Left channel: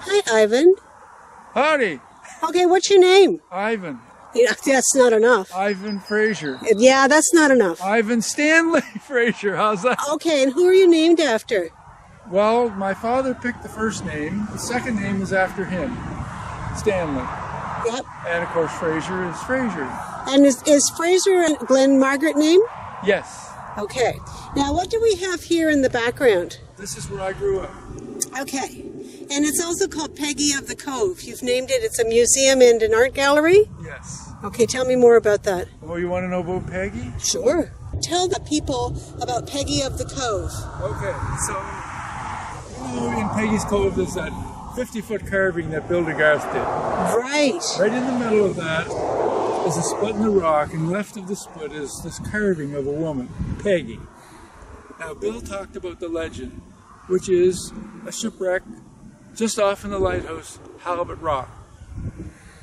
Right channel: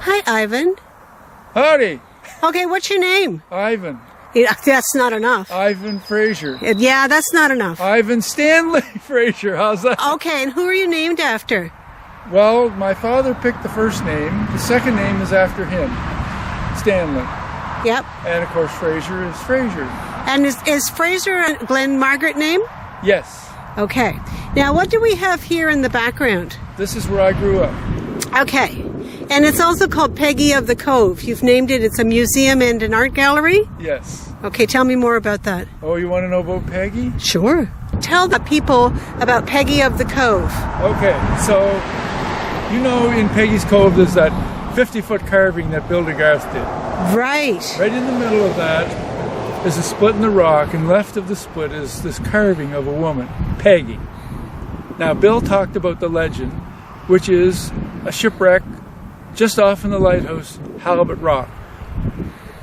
Hi, Ivan. Howdy. Okay, what's your name? Ivan. Yeah, that's not enough. Ivan Fraser. Yeah, that's not enough. Ivan Stanley Fraser. How's that? Okay, and who are you named after? Well, my father picked the first name. The second name is after him, Stanley. Yep. And of course, Fraser is Fraser. And is Fraser a Glen Margaret name? Yes. Okay. Now, what do we have here in the background? This is where I grew up. Okay. And it's also called Peggy of the Cove. You've named it. It's a museum and an art gallery? Yes. Okay, tell me more about that. Oh, you want to know about Peggy? Sure. Tell the people about Peggy of the Cove. Okay, so you know in Peggy's Cove there's that 50-foot carving that Bill DeGarth did. Right. Right in the middle of that is a split in the rock, and left of the split is this carving of a woman, Peggy. Now, Bill talked about the legend, which is a shipwreck just off in the lighthouse, Halibut Rock.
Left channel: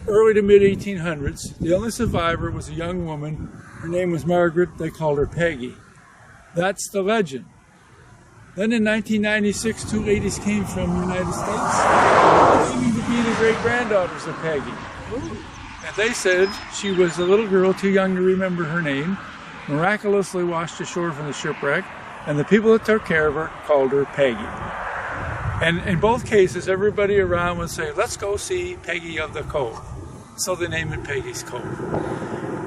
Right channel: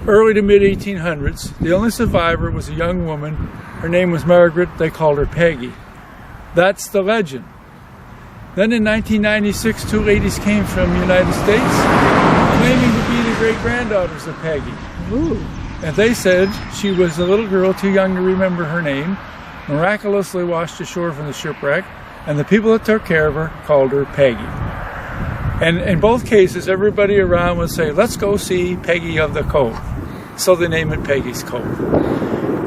Early to mid-1800s, the only survivor was a young woman. Her name was Margaret. They called her Peggy. That's the legend. Then in 1996, two ladies came from the United States claiming to be the great-granddaughters of Peggy. Ooh. And they said she was a little girl too young to remember her name, miraculously washed ashore from the shipwreck, and the people that took care of her called her Peggy. And in both cases, everybody around would say, let's go see Peggy of the Cove. So they named it Peggy's Cove.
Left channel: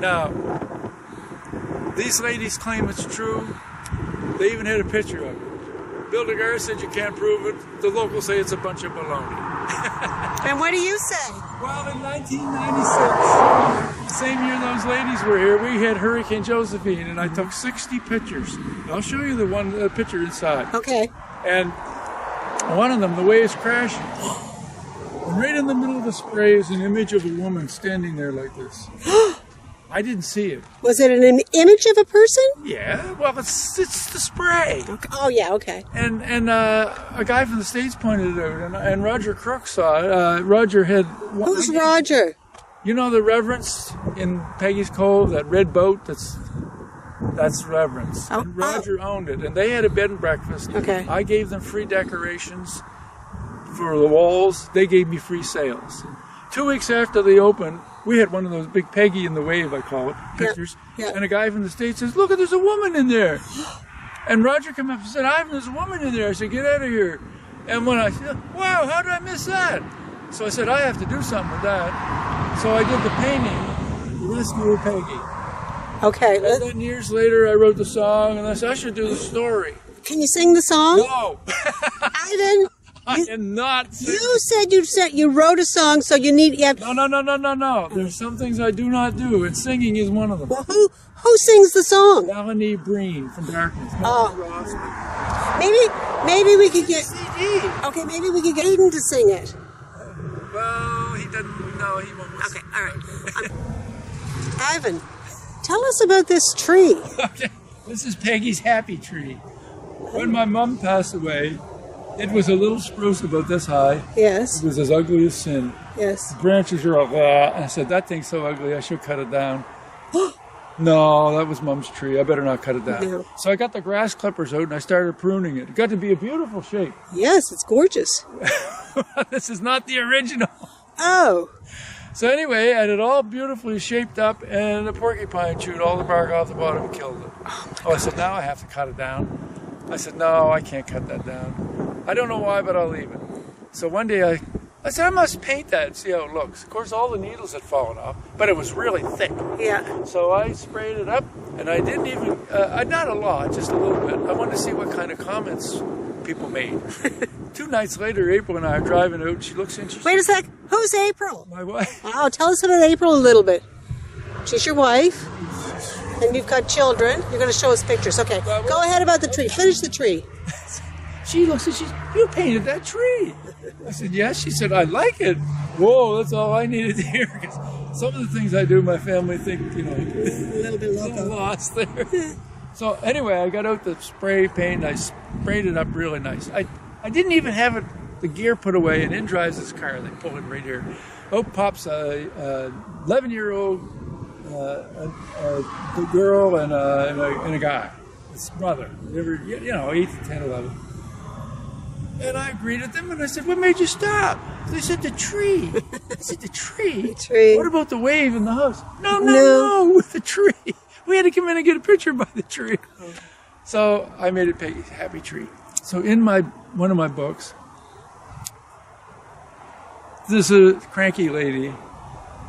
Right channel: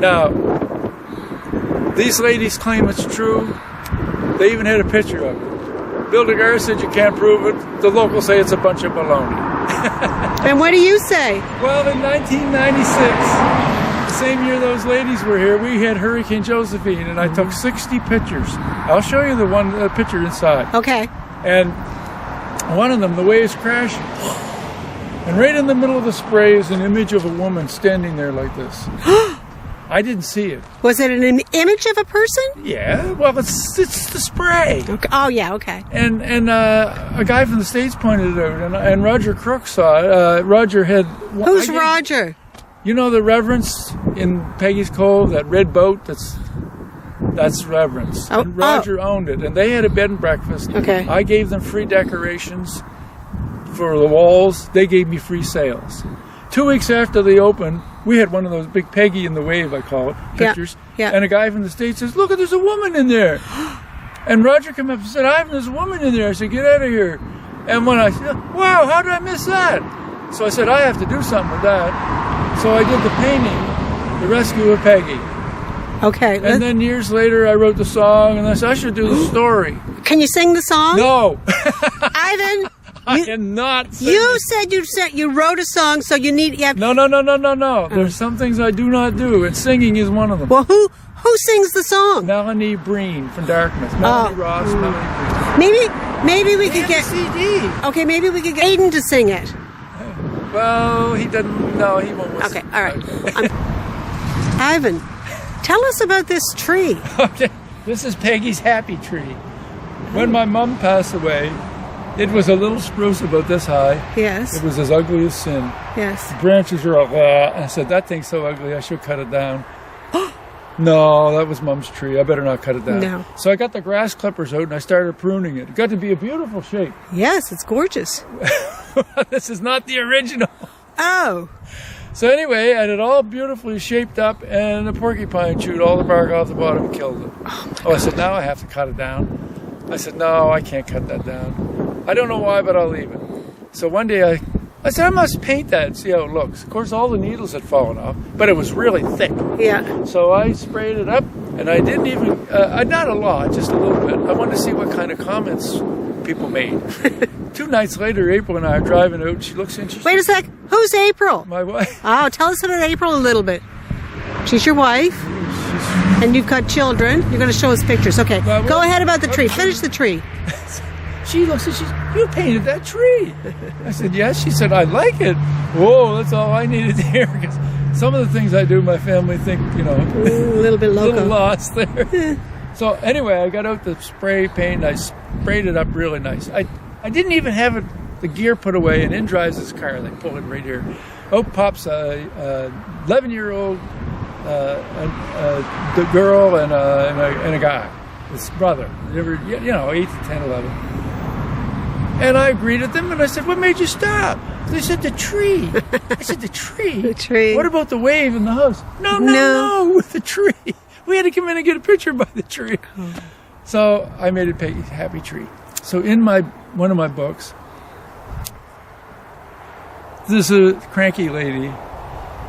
Now, these ladies claim it's true. They even had a picture of it. Bill DeGarth said you can't prove it. The locals say it's a bunch of baloney. And what do you say? Well, in 1996, the same year those ladies were here, we had Hurricane Josephine, and I took 60 pictures. I'll show you the picture inside. Okay. And one of them, the waves crashing, and right in the middle of the spray is an image of a woman standing there like this. I didn't see it. Was it an image of a person? Yeah, well, it's the spray. Okay. Oh, yeah, okay. And a guy from the States pointed it out, and Roger Crook saw it. Roger had... Who's Roger? You know the Reverence in Peggy's Cove, that red boat? That's Reverence. Oh, and Roger owned it, and they had a bed and breakfast. Okay. I gave them free decorations for the walls. They gave me free sails. 2 weeks after they opened, we had one of those big Peggy in the Wave, I call it, pictures. Yeah. And a guy from the States says, look, there's a woman in there. And Roger came up and said, Ivan, there's a woman in there. I said, get out of here. And when I said, wow, how did I miss that? So I said, I have to do something with that. So I did the painting, The Rescue of Peggy. Okay. And then years later, I wrote the song, and I said, I should do the story. Can you sing the song? No. Ivan, I am not singing. you said you wrote a song, so you need... No. There's some things I do not do, and singing is one of them. Well, who sings the song? Melanie Breen from Dartmouth. Melanie Ross, Melanie Breen. Maybe we could get... CD. Okay, maybe we could get Aiden to sing it. Well, he doesn't... No, he won't listen. Okay, all right. Okay. Ivan, tell us about this tree. Okay, this is Peggy's happy tree. When my mom passed away, it was a little spruce about this high. Yes. It was as ugly as sin. Yes. The branches are all, and I said, that thing's so ugly, I should cut it down. No, that was Mom's tree. I better not cut it down. No. So I got the grass clippers out and I started pruning it. It got to be a beautiful shape. Yes, it's gorgeous. This is not the original. Oh. So anyway, I had it all beautifully shaped up, and a porcupine chewed all the bark off the bottom and killed it. Oh, I said, now I have to cut it down. I said, no, I can't cut that down. I don't know why, but I'll leave it. So one day I said, I must paint that and see how it looks. Of course, all the needles had fallen off, but it was really thick. Yeah. So I sprayed it up, and I didn't even, not a lot, just a little bit. I wanted to see what kind of comments people made. 2 nights later, April and I are driving out, and she looks interested. Wait a sec. Who's April? My wife. Oh, tell us about April a little bit. She's your wife, She's, and you've got children. You're going to show us pictures. Okay, go ahead about the tree. Finish the tree. she looks and she's, you painted that tree. I said, yes. She said, I like it. Whoa, that's all I needed to hear, because some of the things I do, my family think, a little bit a loco. little lost there. So anyway, I got out the spray paint. I sprayed it up really nice. I didn't even have the gear put away, and in drives this car. They pull it right here. Out pops a 11-year-old the girl and a guy, his brother. They were, 8 to 10, 11. And I greeted them, and I said, "What made you stop?" They said, "The tree." I said, "The tree? The tree. What about the wave in the house?" No, with the tree. We had to come in and get a picture by the tree. So I made it Peggy's Happy Tree. So in one of my books, there's a cranky lady,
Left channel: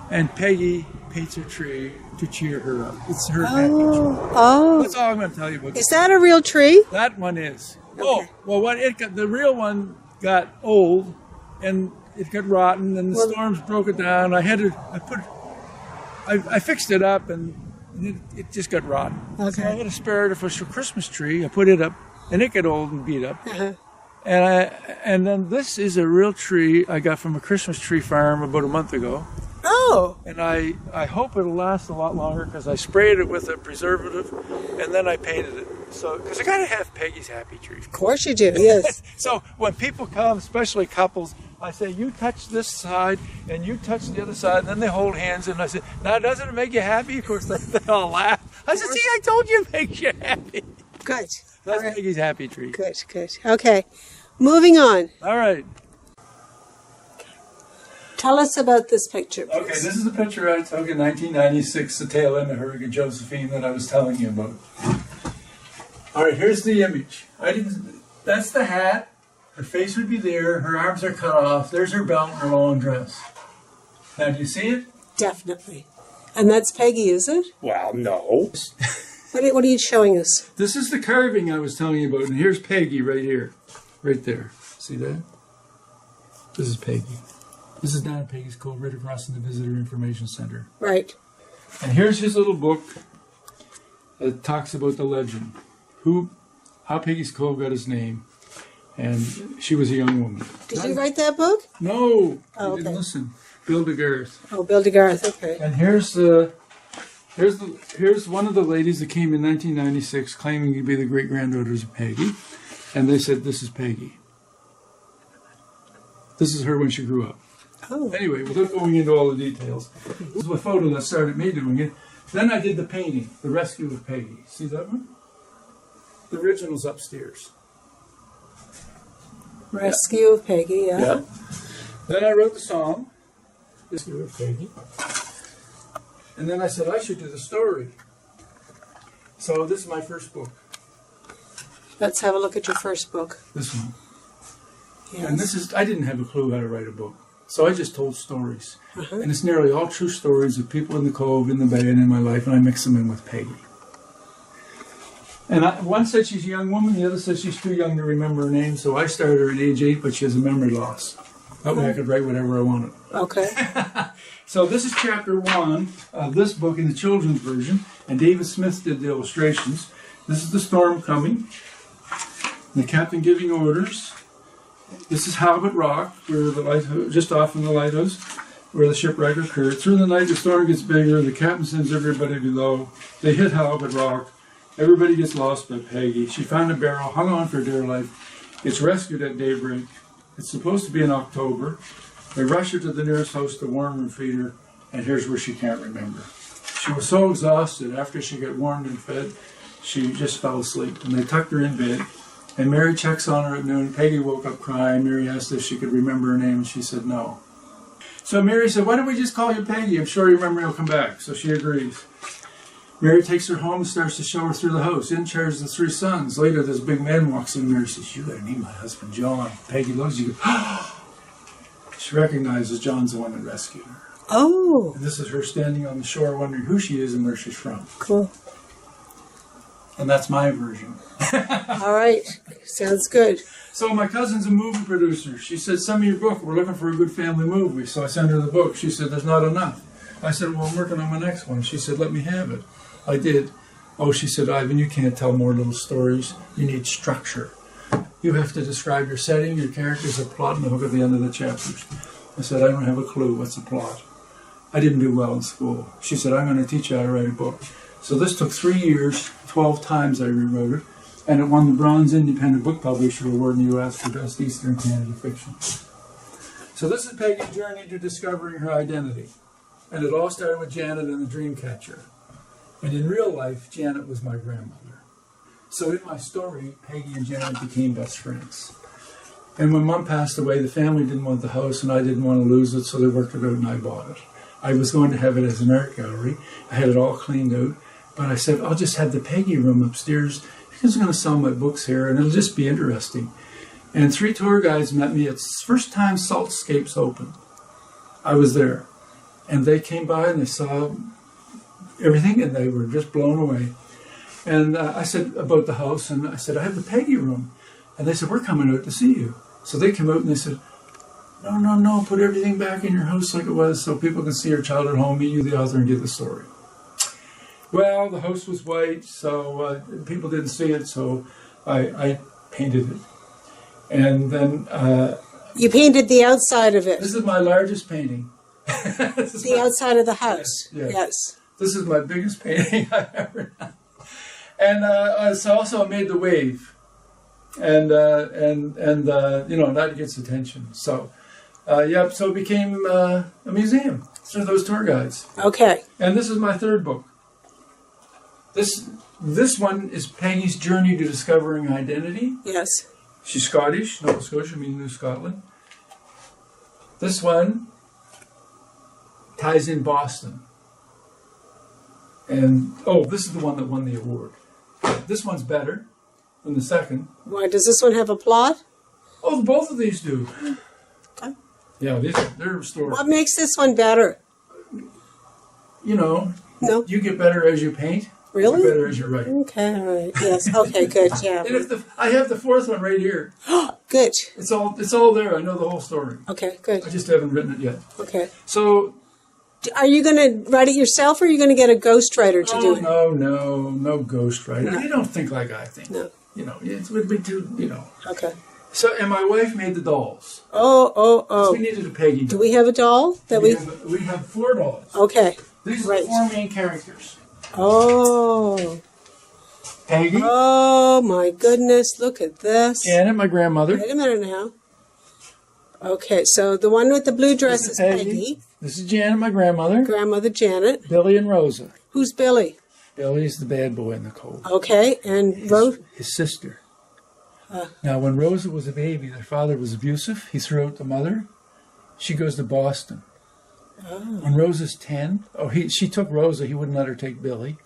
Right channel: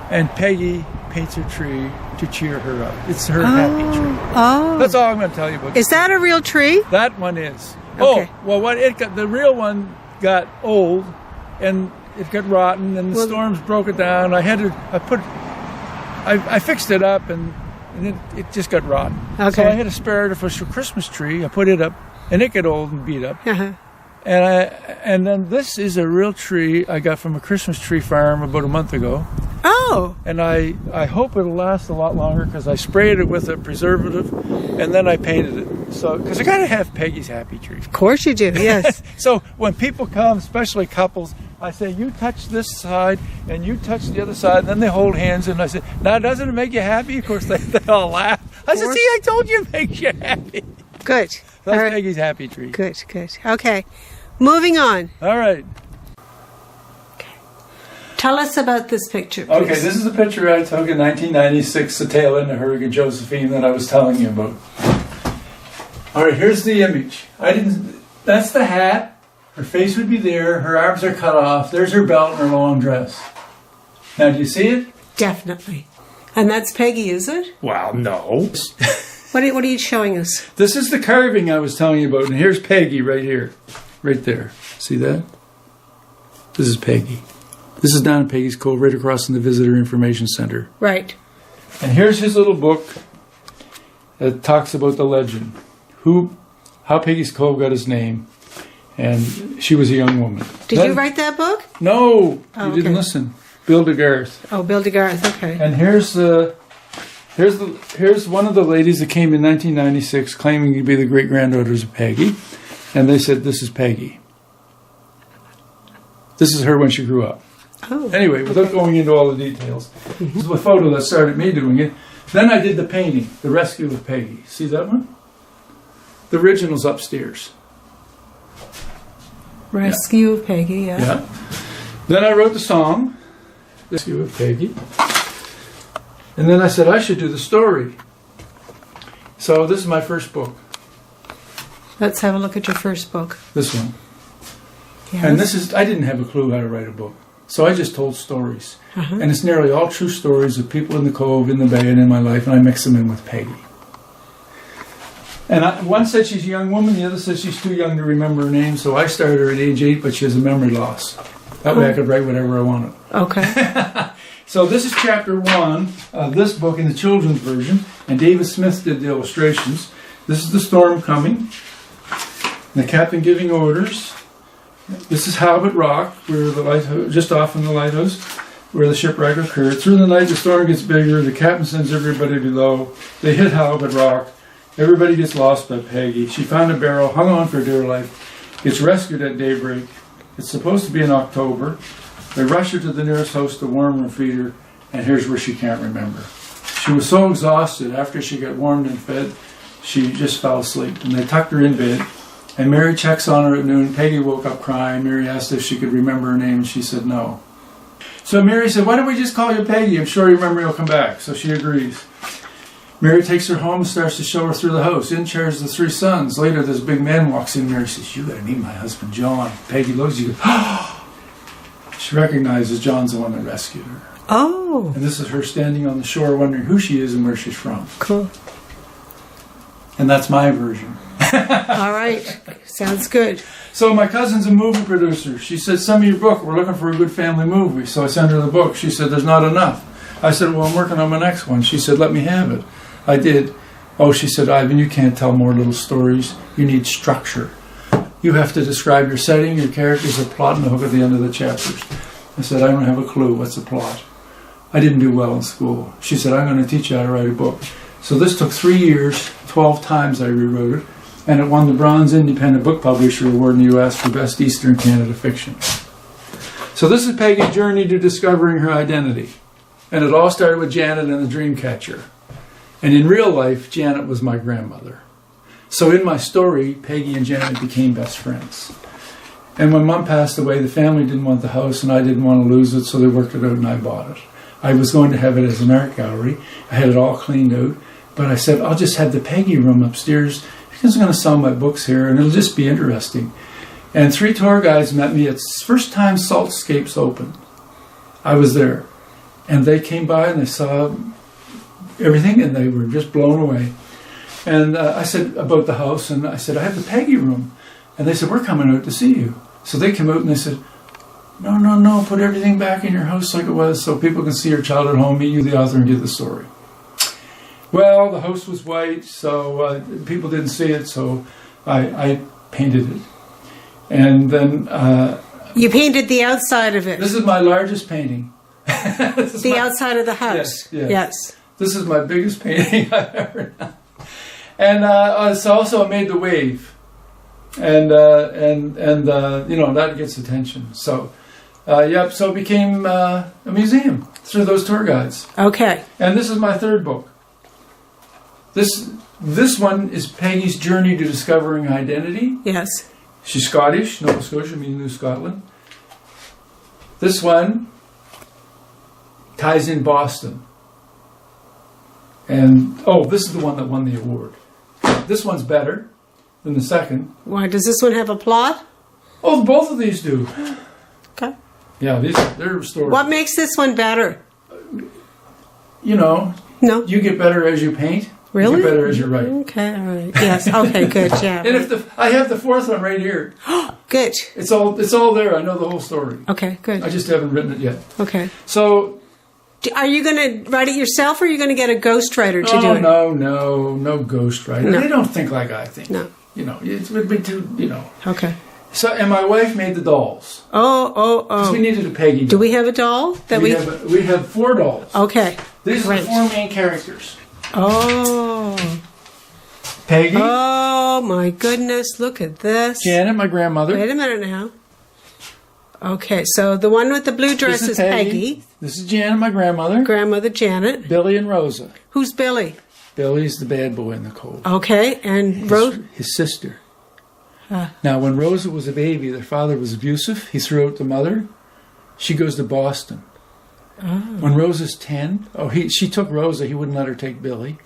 and Peggy paints her tree to cheer her up. It's her happy tree. Oh. That's all I'm going to tell you about. Is that a real tree? That one is. Okay. Oh, well, the real one got old, and it got rotten, and the storms broke it down. I fixed it up, and it just got rotten. Okay. So I had a spare artificial Christmas tree. I put it up, and it got old and beat up. Uh-huh. And then this is a real tree I got from a Christmas tree farm about a month ago. Oh. And I hope it'll last a lot longer because I sprayed it with a preservative, and then I painted it. So, because I got to have Peggy's Happy Tree. Of course you do, yes. So when people come, especially couples, I say, you touch this side and you touch the other side, and then they hold hands, and I say, now doesn't it make you happy? Of course, they all laugh. I said, see, I told you it makes you happy. Good. That's Peggy's Happy Tree. Good. Okay. Moving on. All right. Tell us about this picture. Okay, please. this is a picture I took in 1996, the tail end of Hurricane Josephine that I was telling you about. All right, here's the image. That's the hat. Her face would be there. Her arms are cut off. There's her belt and her long dress. Now, do you see it? Definitely. And that's Peggy, is it? Well, no. What are you showing us? This is the carving I was telling you about. And here's Peggy right here. Right there. See that? This is Peggy. This is down in Peggy's Cove, right across from the Visitor Information Center. Right. And here's his little book that talks about the legend. How Peggy's Cove got its name. And she was a young woman. Did you write that book? No, you didn't listen. Bill DeGarth. Oh, Bill DeGarth, okay. And here's one of the ladies that came in 1996 claiming to be the great-granddaughters of Peggy. And they said, this is Peggy. This is her when she grew up. Oh, anyway, without going into all the details, this is a photo that started me doing it. Then I did the painting, The Rescue of Peggy. See that one? The original's upstairs. Rescue of Peggy, yes. Yeah. Then I wrote the song, Rescue of Peggy. And then I said I should do the story. So this is my first book. Let's have a look at your first book. This one. Yes. And I didn't have a clue how to write a book. So I just told stories. And it's nearly all true stories of people in the Cove, in the Bay, and in my life, and I mix them in with Peggy. And one said she's a young woman, the other says she's too young to remember her name, so I started her at age 8, but she has a memory loss. That way I could write whatever I wanted. Okay. So this is chapter 1 of this book in the children's version, and David Smith did the illustrations. This is the storm coming, the captain giving orders. This is Halibut Rock, where the lighthouse, just off from the lighthouse, where the shipwreck occurred. Through the night, the storm gets bigger. The captain sends everybody below. They hit Halibut Rock. Everybody gets lost by Peggy. She found a barrel, hung on for dear life. Gets rescued at daybreak. It's supposed to be in October. They rush her to the nearest house to warm her and feed her, and here's where she can't remember. She was so exhausted after she got warmed and fed, she just fell asleep. And they tucked her in bed. And Mary checks on her at noon. Peggy woke up crying. Mary asked if she could remember her name, and she said no. So Mary said, why don't we just call you Peggy? I'm sure your memory will come back. So she agrees. Mary takes her home and starts to show her through the house. In chairs the 3 sons. Later, this big man walks in. Mary says, you got to meet my husband, John. Peggy looks at you. She recognizes John's the one that rescued her. Oh. And this is her standing on the shore wondering who she is and where she's from. Cool. And that's my version. All right. Sounds good. So my cousin's a movie producer. She said, send me your book. We're looking for a good family movie. So I sent her the book. She said, there's not enough. I said, well, I'm working on my next one. She said, let me have it. I did. Oh, she said, Ivan, you can't tell more little stories. You need structure. You have to describe your setting, your characters, a plot, and a hook at the end of the chapters. I said, I don't have a clue. What's the plot? I didn't do well in school. She said, I'm going to teach you how to write a book. So this took 3 years, 12 times I rewrote it, and it won the Bronze Independent Book Publisher Award in the U.S. for Best Eastern Canada Fiction. So this is Peggy's journey to discovering her identity. And it all started with Janet and the Dreamcatcher. And in real life, Janet was my grandmother. So in my story, Peggy and Janet became best friends. And when Mom passed away, the family didn't want the house, and I didn't want to lose it, so they worked it out, and I bought it. I was going to have it as an art gallery. I had it all cleaned out, but I said, I'll just have the Peggy room upstairs because I'm going to sell my books here, and it'll just be interesting. And 3 tour guides met me at the first time Saltscapes opened. I was there, and they came by and they saw everything, and they were just blown away. And I said about the house, and I said, I have the Peggy room. And they said, we're coming out to see you. So they came out and they said, no, put everything back in your house like it was so people can see your child at home, meet you, the author, and get the story. Well, the house was white, so people didn't see it, so I painted it. And then... you painted the outside of it. This is my largest painting. The outside of the house. Yes. This is my biggest painting I've ever done. And so also I made the wave. And you know, that gets attention. So, so it became a museum through those tour guides. Okay. And this is my 3rd book. This one is Peggy's Journey to Discovering Identity. Yes. She's Scottish, Nova Scotia means New Scotland. This one ties in Boston. And, this is the one that won the award. This one's better than the second. Why, does this one have a plot? Oh, both of these do. Okay. Yeah, they're stories. What makes this one better? You know, No. you get better as you paint. Really? You get better as you write. Okay, all right. Yes, okay, good, yeah. And I have the 4th one right here. Good. It's all there. I know the whole story. Okay, good. I just haven't written it yet. Okay. So... Are you going to write it yourself, or are you going to get a ghostwriter to do Oh, it? no ghostwriter. No. They don't think like I think. No. You know, it would be too, you know. Okay. So, and my wife made the dolls. Oh. Because we needed a Peggy doll. Do we have a doll? We have 4 dolls. Okay. These are the 4 main characters. Oh. Peggy. Oh, my goodness. Look at this. Janet, my grandmother. Wait a minute now. Okay, so the one with the blue dress This is is Peggy. This is Janet, my grandmother. Grandmother Janet. Billy and Rosa. Who's Billy? Billy's the bad boy in the cove. Okay, and His sister. Now, when Rosa was a baby, their father was abusive. He threw out the mother. She goes to Boston. When Rosa's 10, she took Rosa. He wouldn't let her take Billy.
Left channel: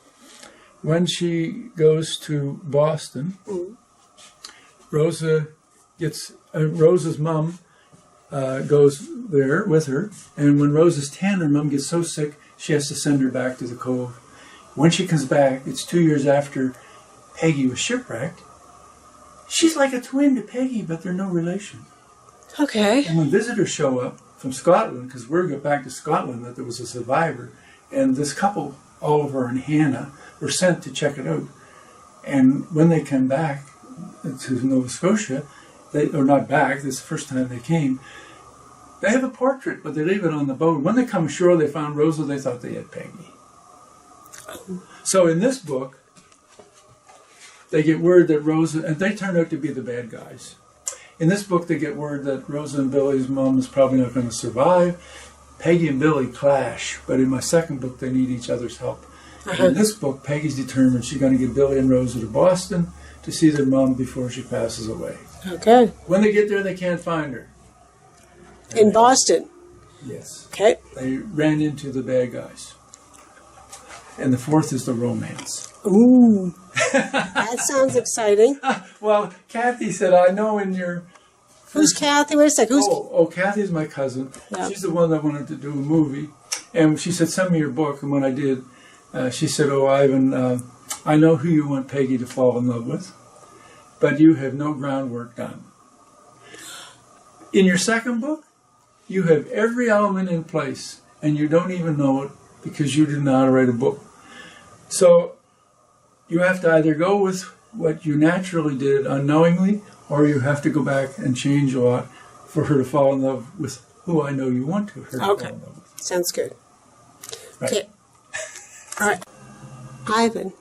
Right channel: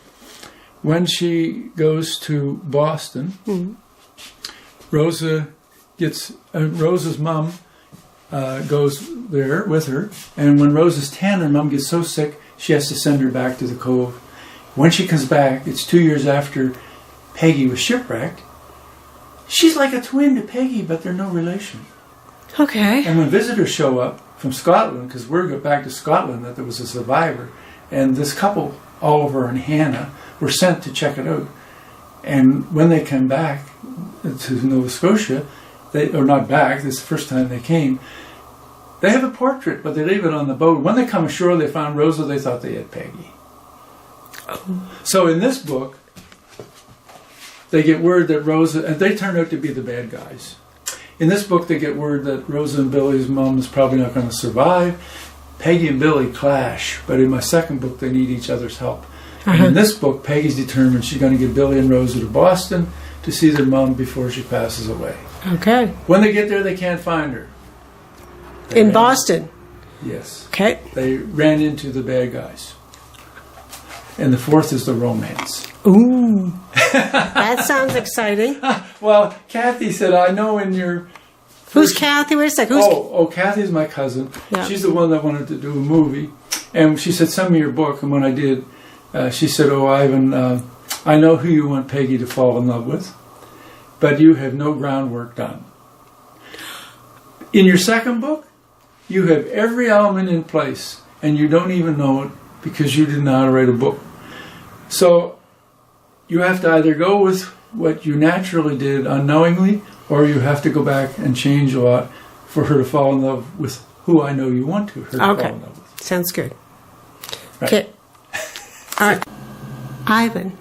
When she goes to Boston, Rosa's mom goes there with her. And when Rosa's 10, her mom gets so sick, she has to send her back to the cove. When she comes back, it's 2 years after Peggy was shipwrecked. She's like a twin to Peggy, but they're no relation. Okay. And when visitors show up from Scotland, because word got back to Scotland that there was a survivor, and this couple, Oliver and Hannah, were sent to check it out. And when they come back to Nova Scotia, this is the first time they came, they have a portrait, but they leave it on the boat. When they come ashore, they found Rosa, they thought they had Peggy. So in this book, they get word that Rosa, and they turn out to be the bad guys. In this book, they get word that Rosa and Billy's mom is probably not going to survive. Peggy and Billy clash, but in my second book, they need each other's help. And in this book, Peggy's determined she's going to get Billy and Rosa to Boston to see their mom before she passes away. Okay. When they get there, they can't find her. In Boston? Yes. Okay. They ran into the bad guys. And the 4th is the romance. Ooh. That sounds exciting. Well, Kathy said, I know in your... Who's Kathy? Wait a second. Kathy's my cousin. Yeah. She's the one that wanted to do a movie. And she said, send me your book. And when I did, she said, Ivan, I know who you want Peggy to fall in love with, but you have no groundwork done. In your second book, you have every element in place, and you don't even know it because you didn't know how to write a book. So you have to either go with what you naturally did unknowingly, or you have to go back and change a lot for her to fall in love with who I know you want her to fall in love with. Sounds good. Right. Okay. Ivan,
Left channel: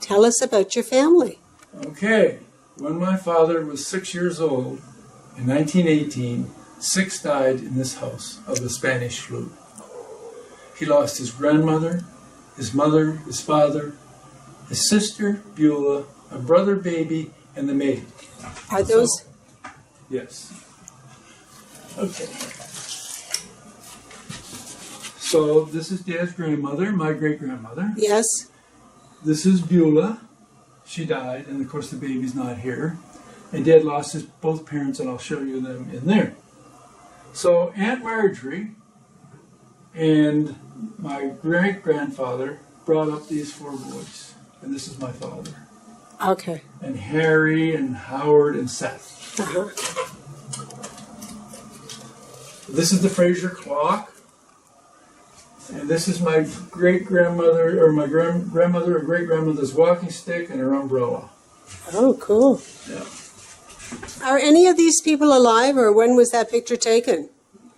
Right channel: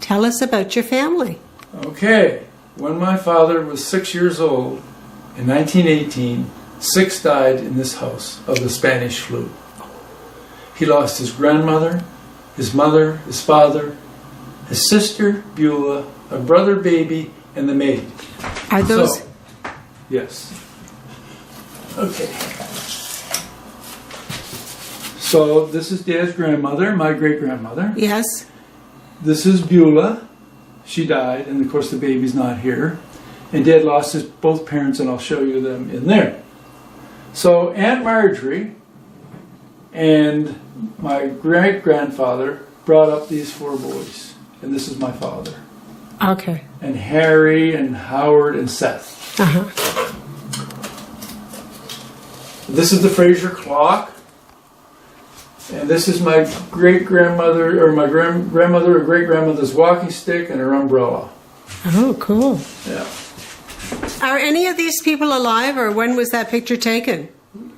tell us about your family. Okay. When my father was 6 years old, in 1918, 6 died in this house of the Spanish flu. He lost his grandmother, his mother, his father, his sister, Beulah, a brother baby, and the maid. Are those... Yes. Okay. So this is Dad's grandmother, my great-grandmother. Yes. This is Beulah. She died, and of course the baby's not here. And Dad lost his both parents, and I'll show you them in there. So Aunt Marjorie and my great-grandfather brought up these 4 boys. And this is my father. Okay. And Harry and Howard and Seth. Uh-huh. This is the Fraser clock. And this is my great-grandmother, or my grandmother or great-grandmother's walking stick and her umbrella. Oh, cool. Yeah. Are any of these people alive, or when was that picture taken?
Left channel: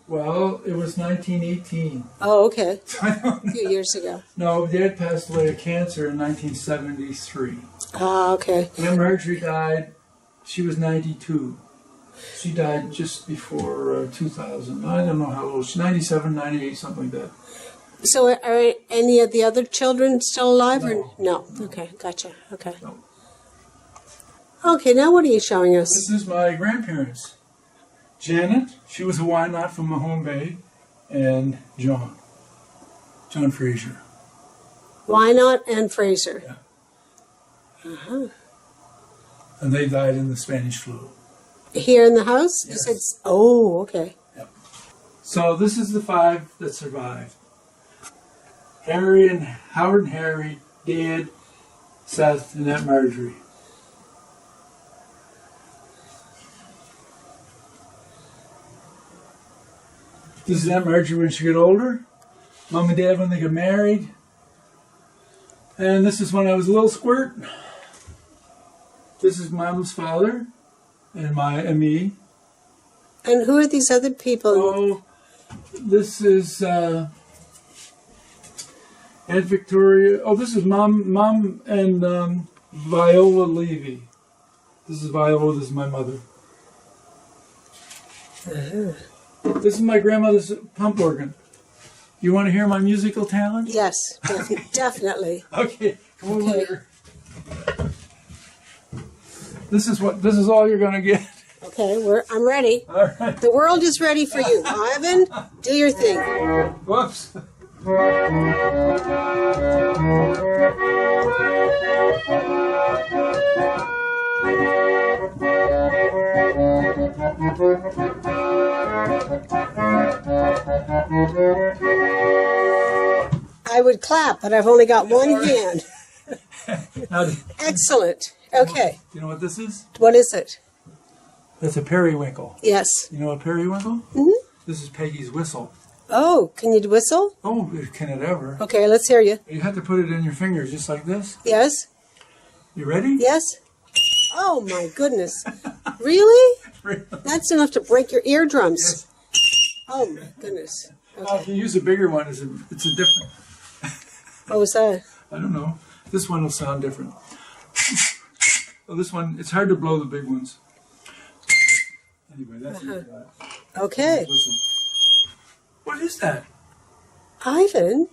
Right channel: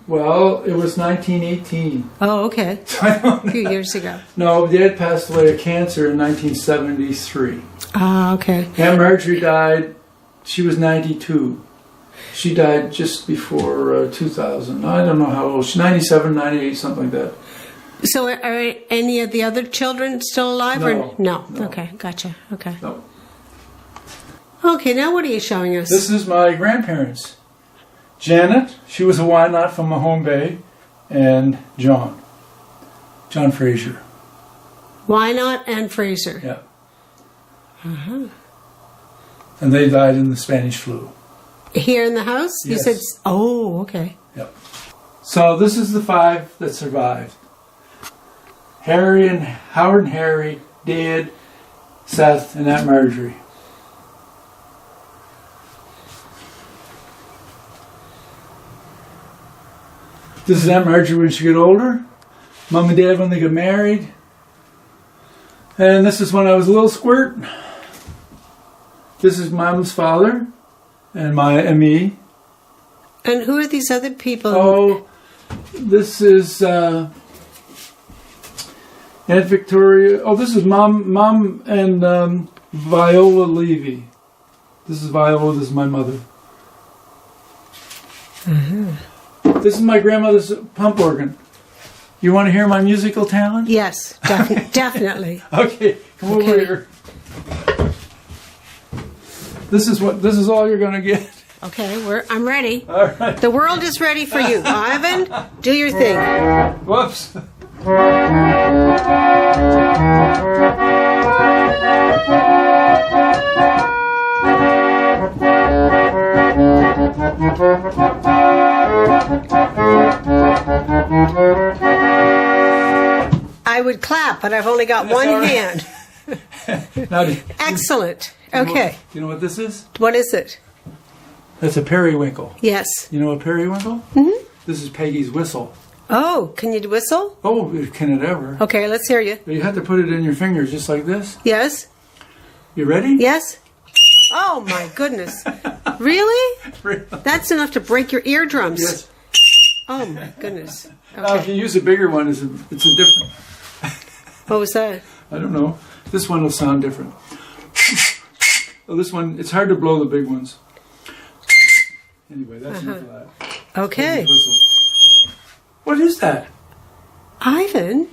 Well, it was 1918. Oh, okay. A few years ago. No, Dad passed away of cancer in 1973. Oh, okay. Aunt Marjorie died, she was 92. She died just before 2000. I don't know how old. She's 97, 98, something like that. So are any of the other children still alive? No. Or? No. No. Okay, gotcha. Okay. No. Okay, now what are you showing us? This is my grandparents. Janet, she was a Wyandotte from Mahone Bay, and John Fraser. Wynot and Fraser. Yeah. Mm-hmm. And they died in the Spanish flu. Here in the house? Yes. You said, oh, okay. Yep. So this is the 5 that survived. Howard and Harry, Dad, Seth, and Aunt Marjorie. This is Aunt Marjorie when she got older. Mom and Dad when they got married. And this is when I was a little squirt. This is Mom's father and me. And who are these other people? Oh, this is Aunt Victoria. Oh, this is Mom and Viola Levy. This is Viola. This is my mother. Mm-hmm. This is my grandmother's pump organ. You want to hear my musical talent? Yes, definitely. Okay, come over here. This is all you're going to get. Okay, I'm ready. All right. The world is ready for you. Ivan, do your thing. Whoops. I would clap, but I've only got That's one all right. hand. Now, Excellent. Okay. you know what this is? What is it? That's a periwinkle. Yes. You know a periwinkle? Mm-hmm. This is Peggy's whistle. Oh, can you whistle? Oh, can it ever? Okay, let's hear you. You have to put it in your fingers just like this. Yes? You ready? Yes? Oh, my goodness. Really? That's enough to break your eardrums. Yes. Oh, my goodness. Now, if you use a bigger one, it's a different. What was that? I don't know. This one will sound different. Oh, this one, it's hard to blow the big ones. Anyway, that's enough of that. Okay. Peggy's whistle. What is that? Ivan,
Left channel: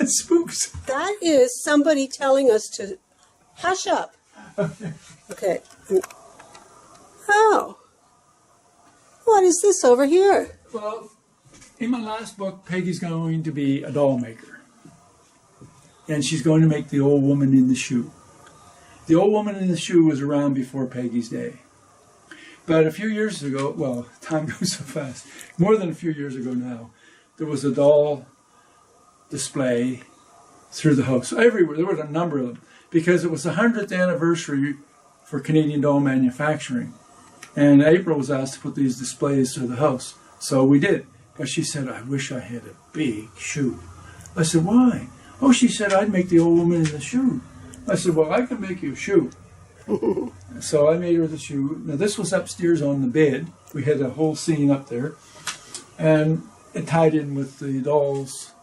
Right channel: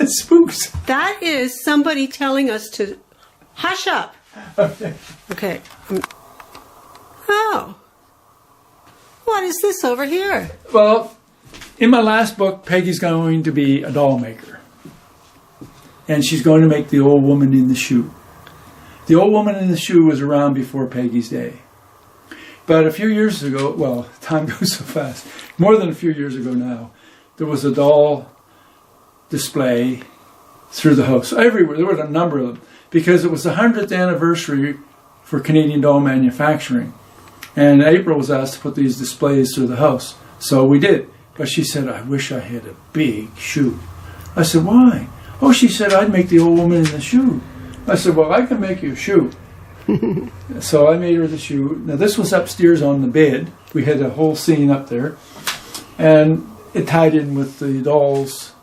It spooks. that is somebody telling us to hush up. Okay. Okay. Oh. What is this over here? Well, in my last book, Peggy's going to be a doll maker. And she's going to make the old woman in the shoe. The old woman in the shoe was around before Peggy's day. But a few years ago, well, time goes so fast, more than a few years ago now, there was a doll display through the house. Everywhere, there were a number of them, because it was the 100th anniversary for Canadian doll manufacturing. And April was asked to put these displays through the house. So we did. But she said, I wish I had a big shoe. I said, why? Oh, she said, I'd make the old woman in the shoe. I said, well, I can make you a shoe. So I made her the shoe. Now, this was upstairs on the bed. We had a whole scene up there. And it tied in with the dolls.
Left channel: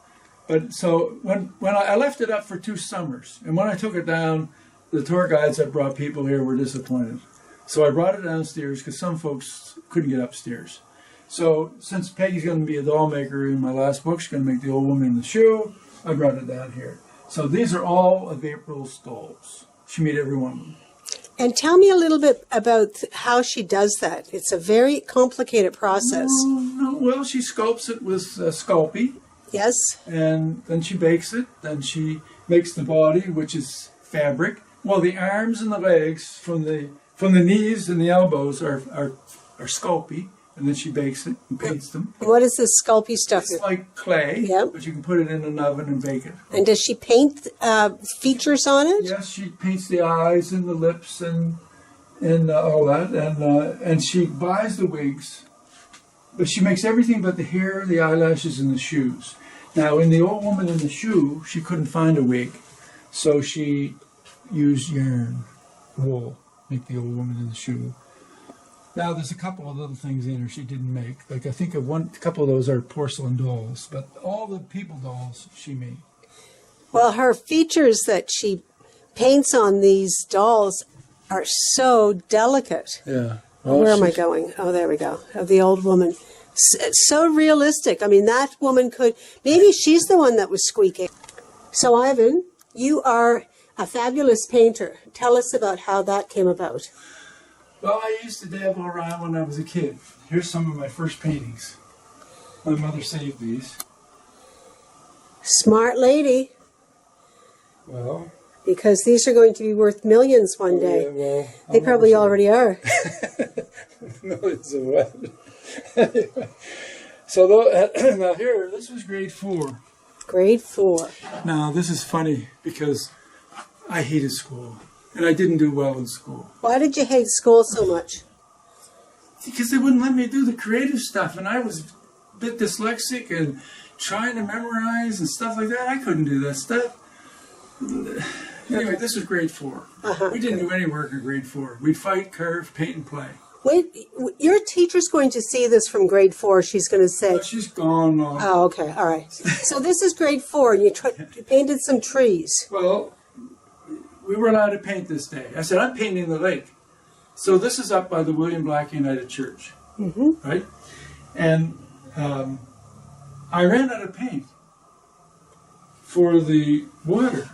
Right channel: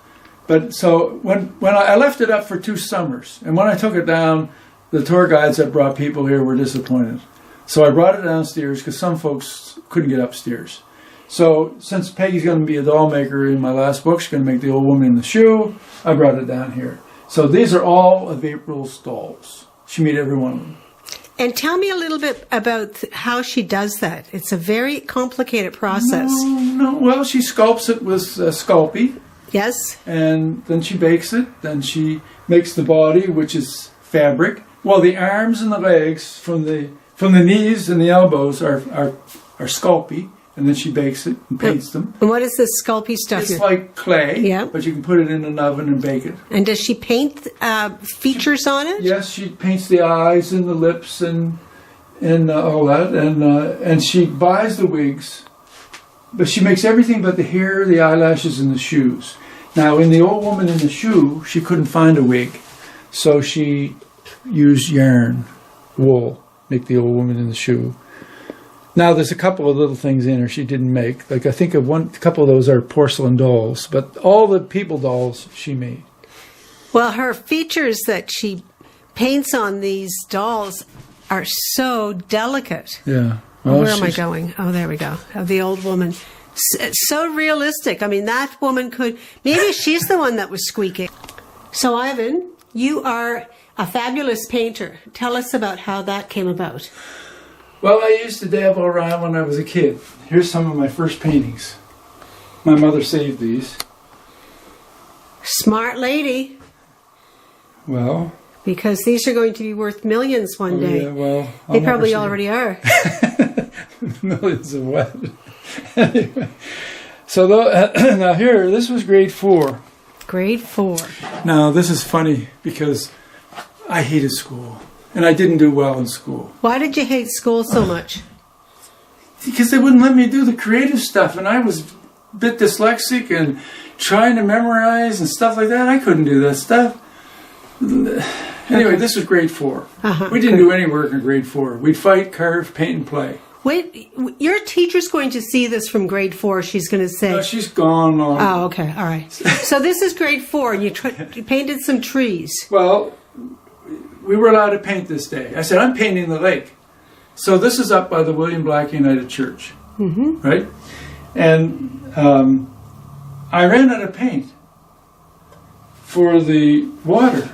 But so when I left it up for 2 summers, and when I took it down, the tour guides that brought people here were disappointed. So I brought it downstairs because some folks couldn't get upstairs. So since Peggy's going to be a doll maker in my last book, she's going to make the old woman in the shoe, I brought it down here. So these are all of April's dolls. She made every one of them. And tell me a little bit about how she does that. It's a very complicated process. No. Well, she sculpts it with Sculpey, Yes? and then she bakes it. Then she makes the body, which is fabric. Well, the arms and the legs from the knees and the elbows are Sculpey, and then she bakes it and paints them. And what is this Sculpey stuff? It's like clay, Yeah. but you can put it in an oven and bake it. And does she paint features on it? Yes, she paints the eyes and the lips and all that, and she buys the wigs, but she makes everything but the hair, the eyelashes, and the shoes. Now, in the old woman in the shoe, she couldn't find a wig, so she used yarn, wool, make the old woman in the shoe. Now, there's a couple of little things in her she didn't make. Like, I think a couple of those are porcelain dolls, but all the people dolls she made. Well, her features that she paints on these dolls are so delicate. Yeah. Well, Where am I going? Oh, there we go. Of the old woman. It's so realistic. I mean, that woman could... Maybe she's the one that was squeaking. So, Ivan, you are a fabulous painter. Tell us about how that came about. Well, I used to dabble around when I was a kid. Here's some of my first paintings. My mother saved these. Smart lady. Well... Because these are going to be worth millions one day. Yeah, well, They probably already are. Millions of what? So now here, this was grade 4. Grade 4. Now this is funny because I hated school and I didn't do well in school. Why did you hate school so much? Because they wouldn't let me do the creative stuff, and I was a bit dyslexic and trying to memorize and stuff like that. I couldn't do that stuff. Anyway, this was grade 4. We didn't do any work in grade 4. We'd fight, carve, paint, and play. Wait, your teacher's going to see this from grade 4, she's going to say. No, she's gone long. Oh, okay, all right. So this is grade 4, you painted some trees. Well, we were allowed to paint this day. I said, I'm painting the lake. So this is up by the William Black United Church, right? And I ran out of paint for the water.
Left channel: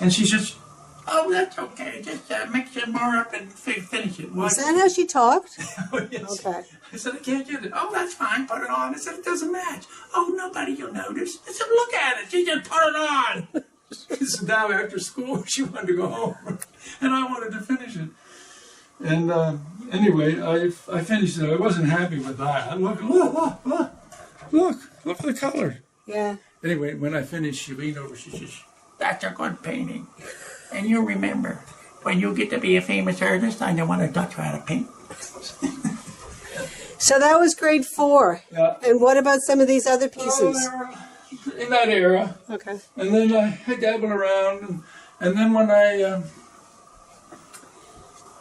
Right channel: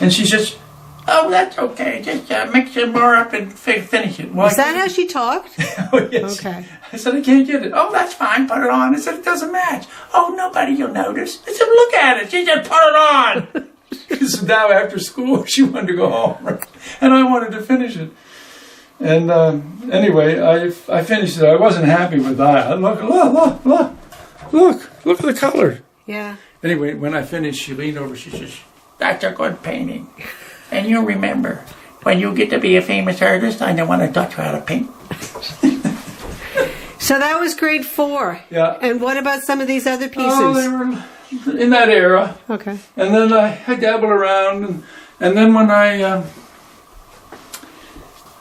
And she says, oh, that's okay. Just mix some more up and finish it. Well, Is that how she talked? Oh, yes. Okay. I said, I can't get it. Oh, that's fine. Put it on. I said, it doesn't match. Oh, nobody will notice. I said, look at it. She said, put it on. So now after school, she wanted to go home. And I wanted to finish it. And anyway, I finished it. I wasn't happy with that. Look at the color. Yeah. Anyway, when I finished, she leaned over. She says, that's a good painting. And you'll remember, when you get to be a famous artist, I don't want to touch you how to paint. So that was grade 4. Yeah. And what about some of these other pieces? Oh, they were in that era. Okay. And then I dabbled around. And then when I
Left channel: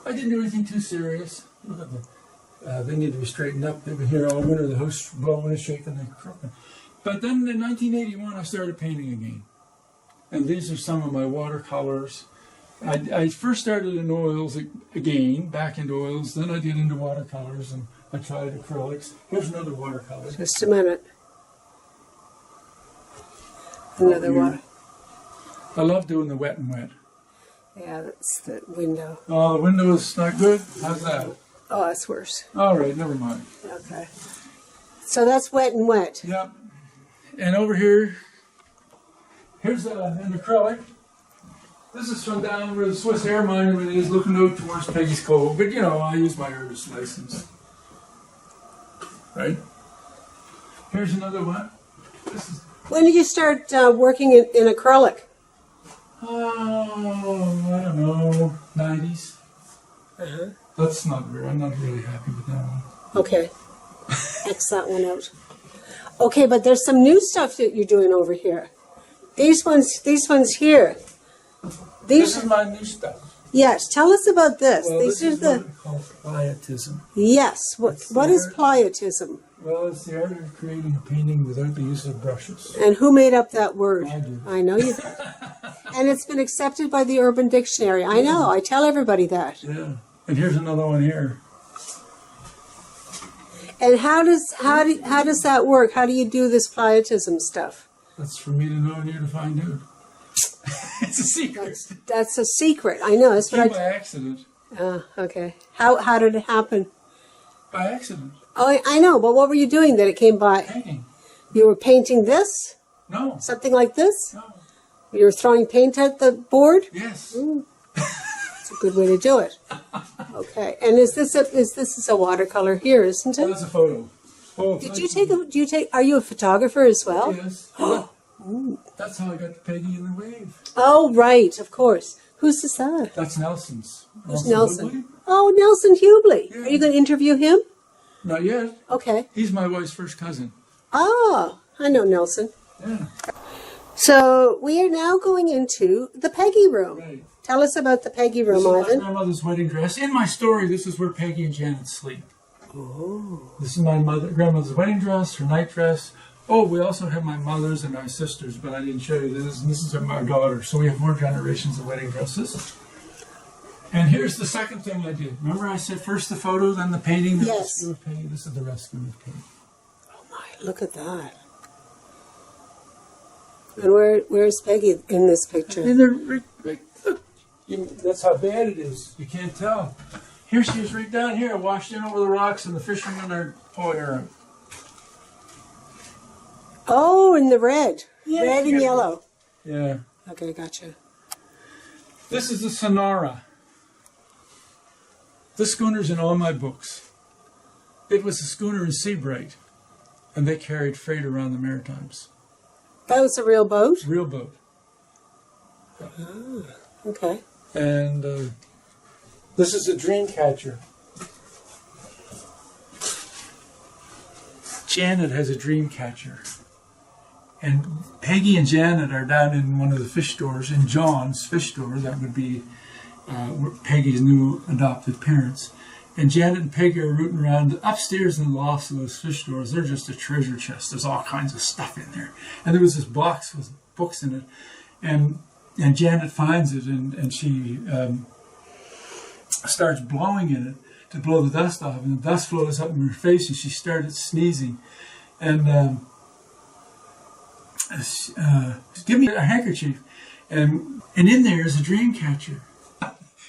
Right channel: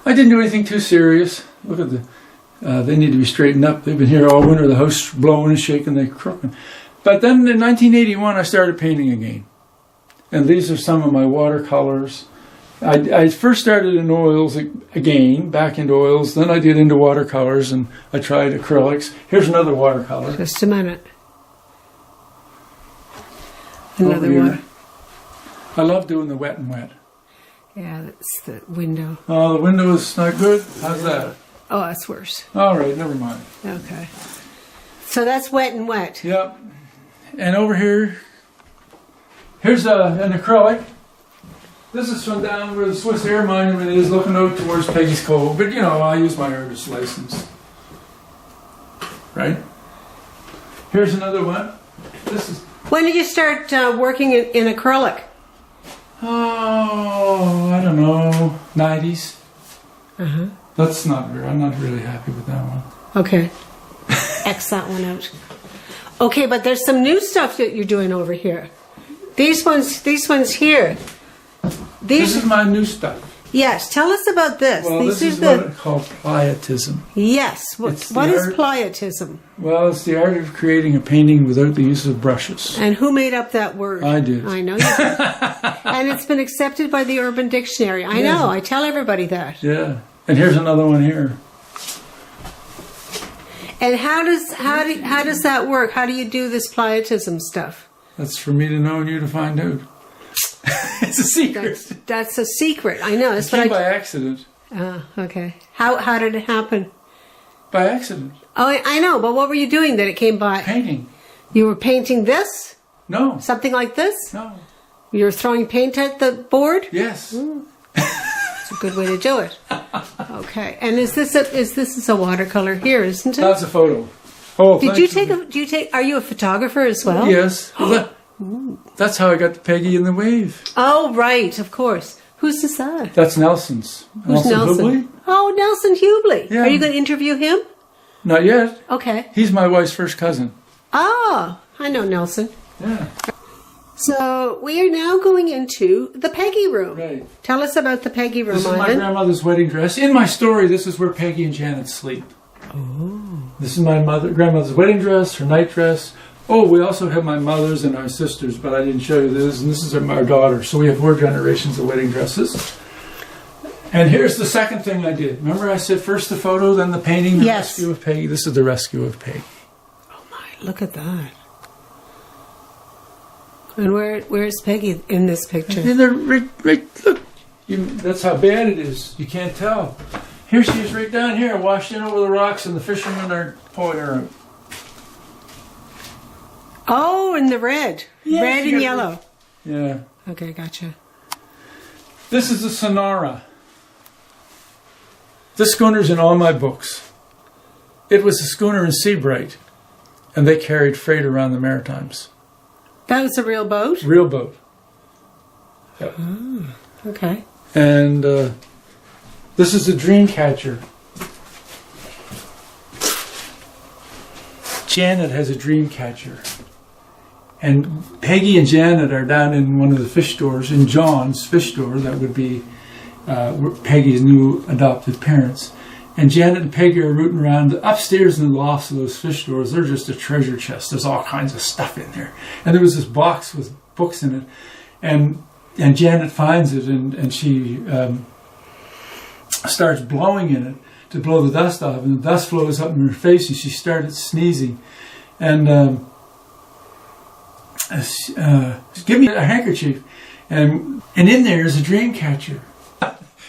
didn't do anything too serious. Look at they need to be straightened up. They've been here all winter. The house blowing and shaking, they're crooked. But then in 1981, I started painting again. And these are some of my watercolors. I first started in oils again, back into oils. Then I did into watercolors, and I tried acrylics. Here's another watercolor. Just a minute. Over here. I love doing the wet and wet. Yeah, that's the window. Oh, the window is not good? How's that? Oh, that's worse. All right, never mind. Okay. So that's wet and wet. Yep. And over here, here's an acrylic. This is from down where the Swiss Air Monument is, looking out towards Peggy's Cove. But, you know, I use my artist license. Right? Here's another one. This is... When did you start working in acrylic? Oh, I don't know, 90s. That's not very, I'm not really happy with that one. Okay. X that one out. Okay, but there's some new stuff that you're doing over here. These ones here. This is my new stuff. Yes, tell us about this. Well, These this is are what I call pietism. Yes. It's What the is art- pietism? Well, it's the art of creating a painting without the use of brushes. And who made up that word? I did. I know. And it's been accepted by the Urban Dictionary. I know. I tell everybody that. Yeah. And here's another one here. And how does that work? How do you do this pietism stuff? That's for me to know and you to find out. It's a secret. That's a secret. I know. It's It came like, by accident. okay. How did it happen? By accident. Oh, I know. But what were you doing that it came by? Painting. You were painting this? No. Something like this? No. You were throwing paint at the board? Yes. That's a good way to do it. Okay. And is this a watercolor here, isn't it? That's a photo. Oh, Did you take? Are you a photographer as well? Yes. That's how I got the Peggy in the Wave. Oh, right. Of course. Whose is that? That's Nelson's. Nelson Hubley? Oh, Nelson Hubley. Yeah. Are you going to interview him? Not yet. Okay. He's my wife's first cousin. Ah, I know Nelson. Yeah. So we are now going into the Peggy room. Right. Tell us about the Peggy room. This is my Ivan. grandmother's wedding dress. In my story, this is where Peggy and Janet sleep. This is my grandmother's wedding dress, her night dress. Oh, we also have my mother's and our sister's, but I didn't show you this. And this is our daughter. So we have 4 generations of wedding dresses. And here's the second thing I did. Remember I said first the photo, then the painting, the rescue of Peggy. This is the rescue of Peggy. Oh my, look at that. And where's Peggy in this picture? Right, look. That's how bad it is. You can't tell. Here she is right down here, washed in over the rocks, and the fishermen are pulling her out. Oh, in the red. Yes, Red and yellow. Yeah. Okay, gotcha. This is the Sonora. This schooner's in all my books. It was a schooner in Seabright, and they carried freight around the Maritimes. That is a real boat? Real boat. Yep. Okay. And this is a dream catcher. Janet has a dream catcher. And Peggy and Janet are down in one of the fish stores, in John's fish store, that would be Peggy's new adopted parents. And Janet and Peggy are rooting around upstairs in the lofts of those fish stores. They're just a treasure chest. There's all kinds of stuff in there. And there was this box with books in it. And Janet finds it, and she starts blowing in it to blow the dust off. And the dust flows up in her face, and she started sneezing. And give me a handkerchief. And in there is a dream catcher.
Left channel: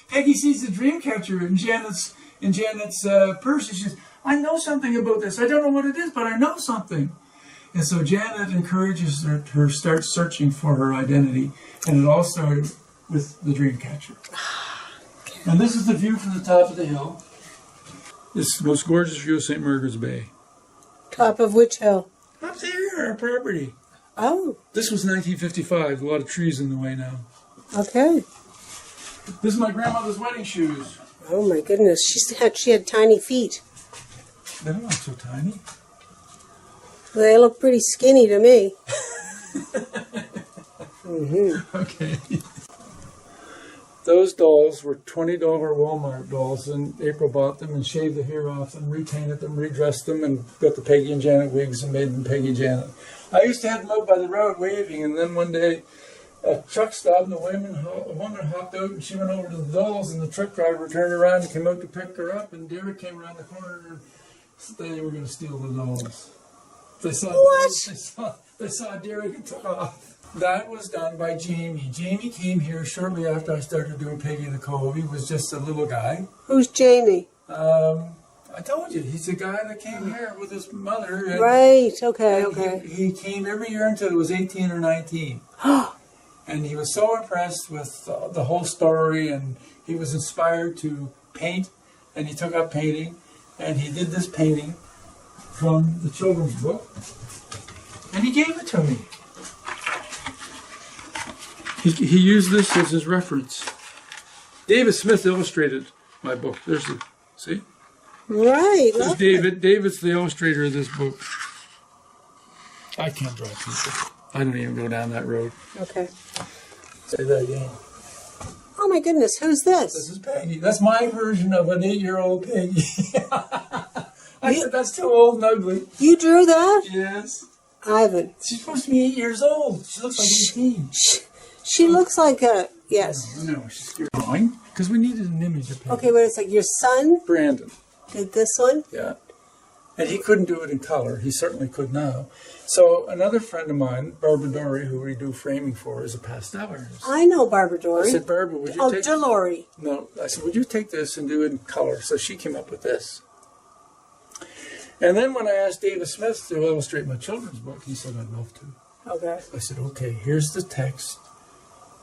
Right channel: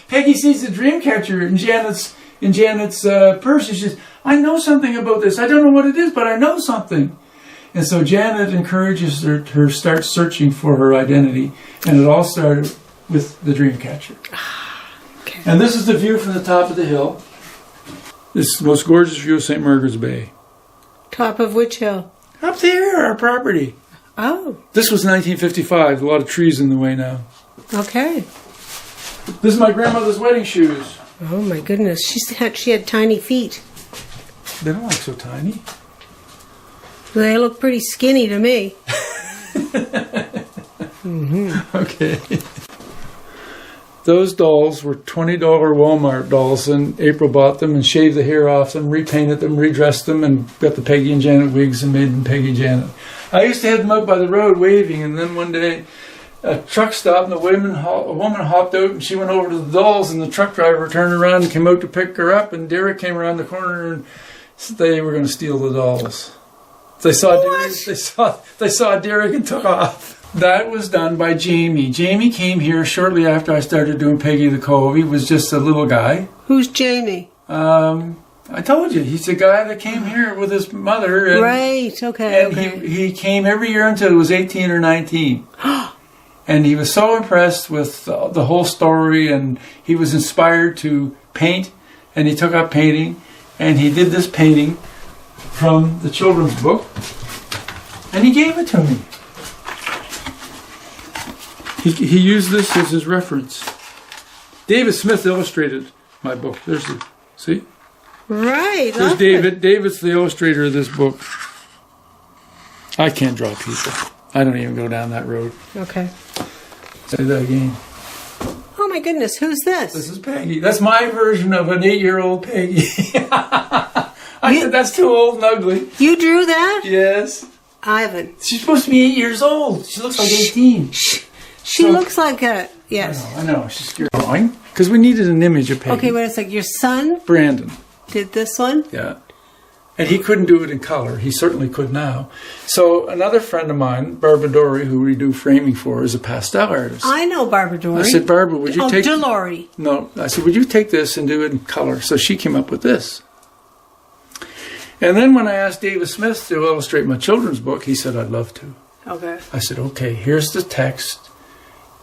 Peggy sees the dream catcher in Janet's purse. She says, I know something about this. I don't know what it is, but I know something. And so Janet encourages her to start searching for her identity. And it all started with the dream catcher. Okay. And this is the view from the top of the hill. This is the most gorgeous view of St. Margaret's Bay. Top of which hill? Up there, our property. Oh, This was 1955. A lot of trees in the way now. okay. This is my grandmother's wedding shoes. Oh my goodness, she had tiny feet. They don't look so tiny. They look pretty skinny to me. Okay. Those dolls were $20 Walmart dolls, and April bought them and shaved the hair off them, repainted them, redressed them, and got the Peggy and Janet wigs and made them Peggy and Janet. I used to have them out by the road waving, and then one day a truck stopped and a woman hopped out, and she went over to the dolls, and the truck driver turned around and came out to pick her up, and Derek came around the corner and they were going to steal the dolls. They saw Derek and took off. That was done by Jamie. Jamie came here shortly after I started doing Peggy the Cove. He was just a little guy. Who's Jamie? I told you, he's the guy that came here with his mother. And, Right, okay. and he came every year until he was 18 or 19. And he was so impressed with the whole story, and he was inspired to paint, and he took up painting, and he did this painting from the children's book, and he gave it to me. He used this as his reference. David Smith illustrated my book. There's the, see? Right. There's David. David's the illustrator of this book. I can't draw people. I don't even go down that road. Okay. And that again. Oh my goodness, who's this? This is Peggy. That's my version of an 8-year-old Peggy. I said that's too old and ugly. You drew that? Yes. Ivan. She's supposed to be 8 years old. She looks like 18. She looks like a, yes. I know. She's scared. Drawing. Because we needed an image of Peggy. Okay, but it's like your son Brandon. did this one? Yeah. And he couldn't do it in color. He certainly could now. So another friend of mine, Barbara Dory, who we do framing for, is a pastel artist. I know Barbara Dory. I said, Barbara, would you take... Dolores. No. I said, would you take this and do it in color? So she came up with this. And then when I asked David Smith to illustrate my children's book, he said, I'd love to. Okay. I said, okay, here's the text.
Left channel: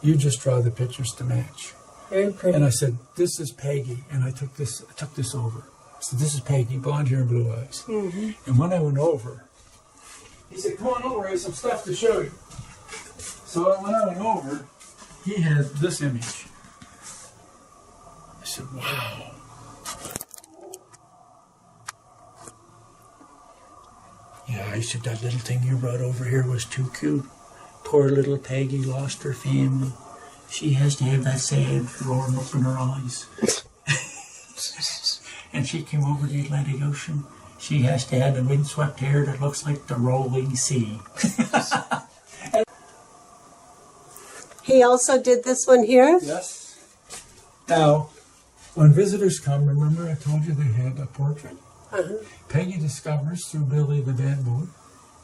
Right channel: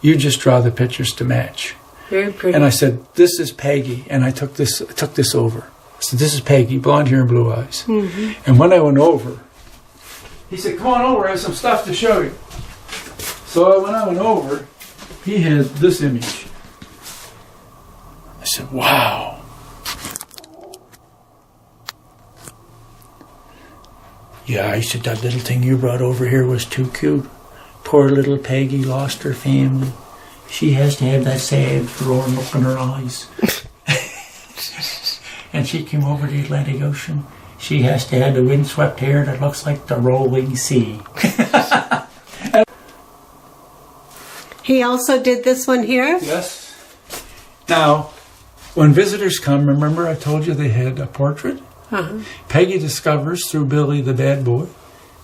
You just draw the pictures to match. Very pretty. And I said, this is Peggy. And I took this over. I said, this is Peggy, blonde hair and blue eyes. Mm-hmm. And when I went over, he said, come on over, I have some stuff to show you. So when I went over, he had this image. I said, wow. Yeah, I said, that little thing you brought over here was too cute. Poor little Peggy lost her family. She has to have that sad, forlorn look in her eyes. And she came over the Atlantic Ocean. She has to have the windswept hair that looks like the rolling sea. He also did this one here? Yes. Now, when visitors come, remember I told you they had a portrait? Uh-huh. Peggy discovers through Billy the bad boy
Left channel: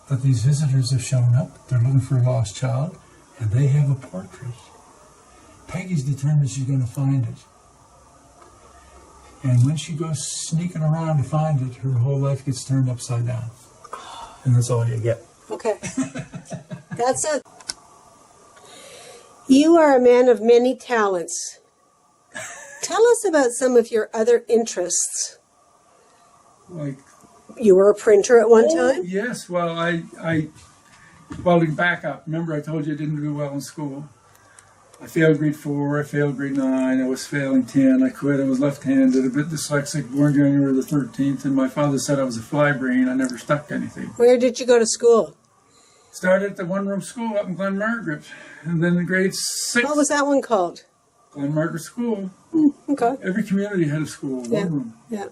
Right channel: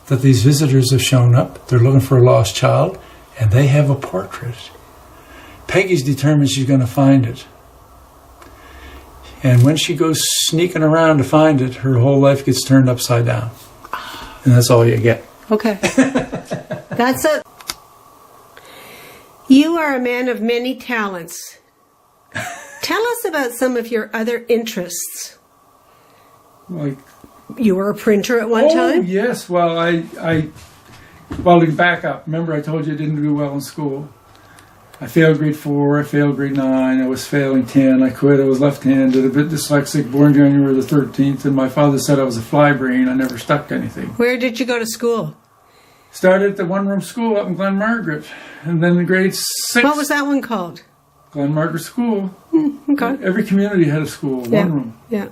that these visitors have shown up. They're looking for a lost child, and they have a portrait. Peggy's determined she's going to find it. And when she goes sneaking around to find it, her whole life gets turned upside down. And that's all you get. Okay. That's it. You are a man of many talents. Tell us about some of your other interests. Like, you were a printer at one time? Oh, yes. Well, well, to back up, remember I told you I didn't do well in school. I failed grade 4, I failed grade 9, I was failing 10, I quit, I was left-handed, a bit dyslexic, born January the 13th, and my father said I was a fly brain, I never stuck to anything. Where did you go to school? Started at the one-room school up in Glen Margaret, and then in grade 6... What was that one called? Glen Margaret School. Okay. Every community had a school, one room. Yeah.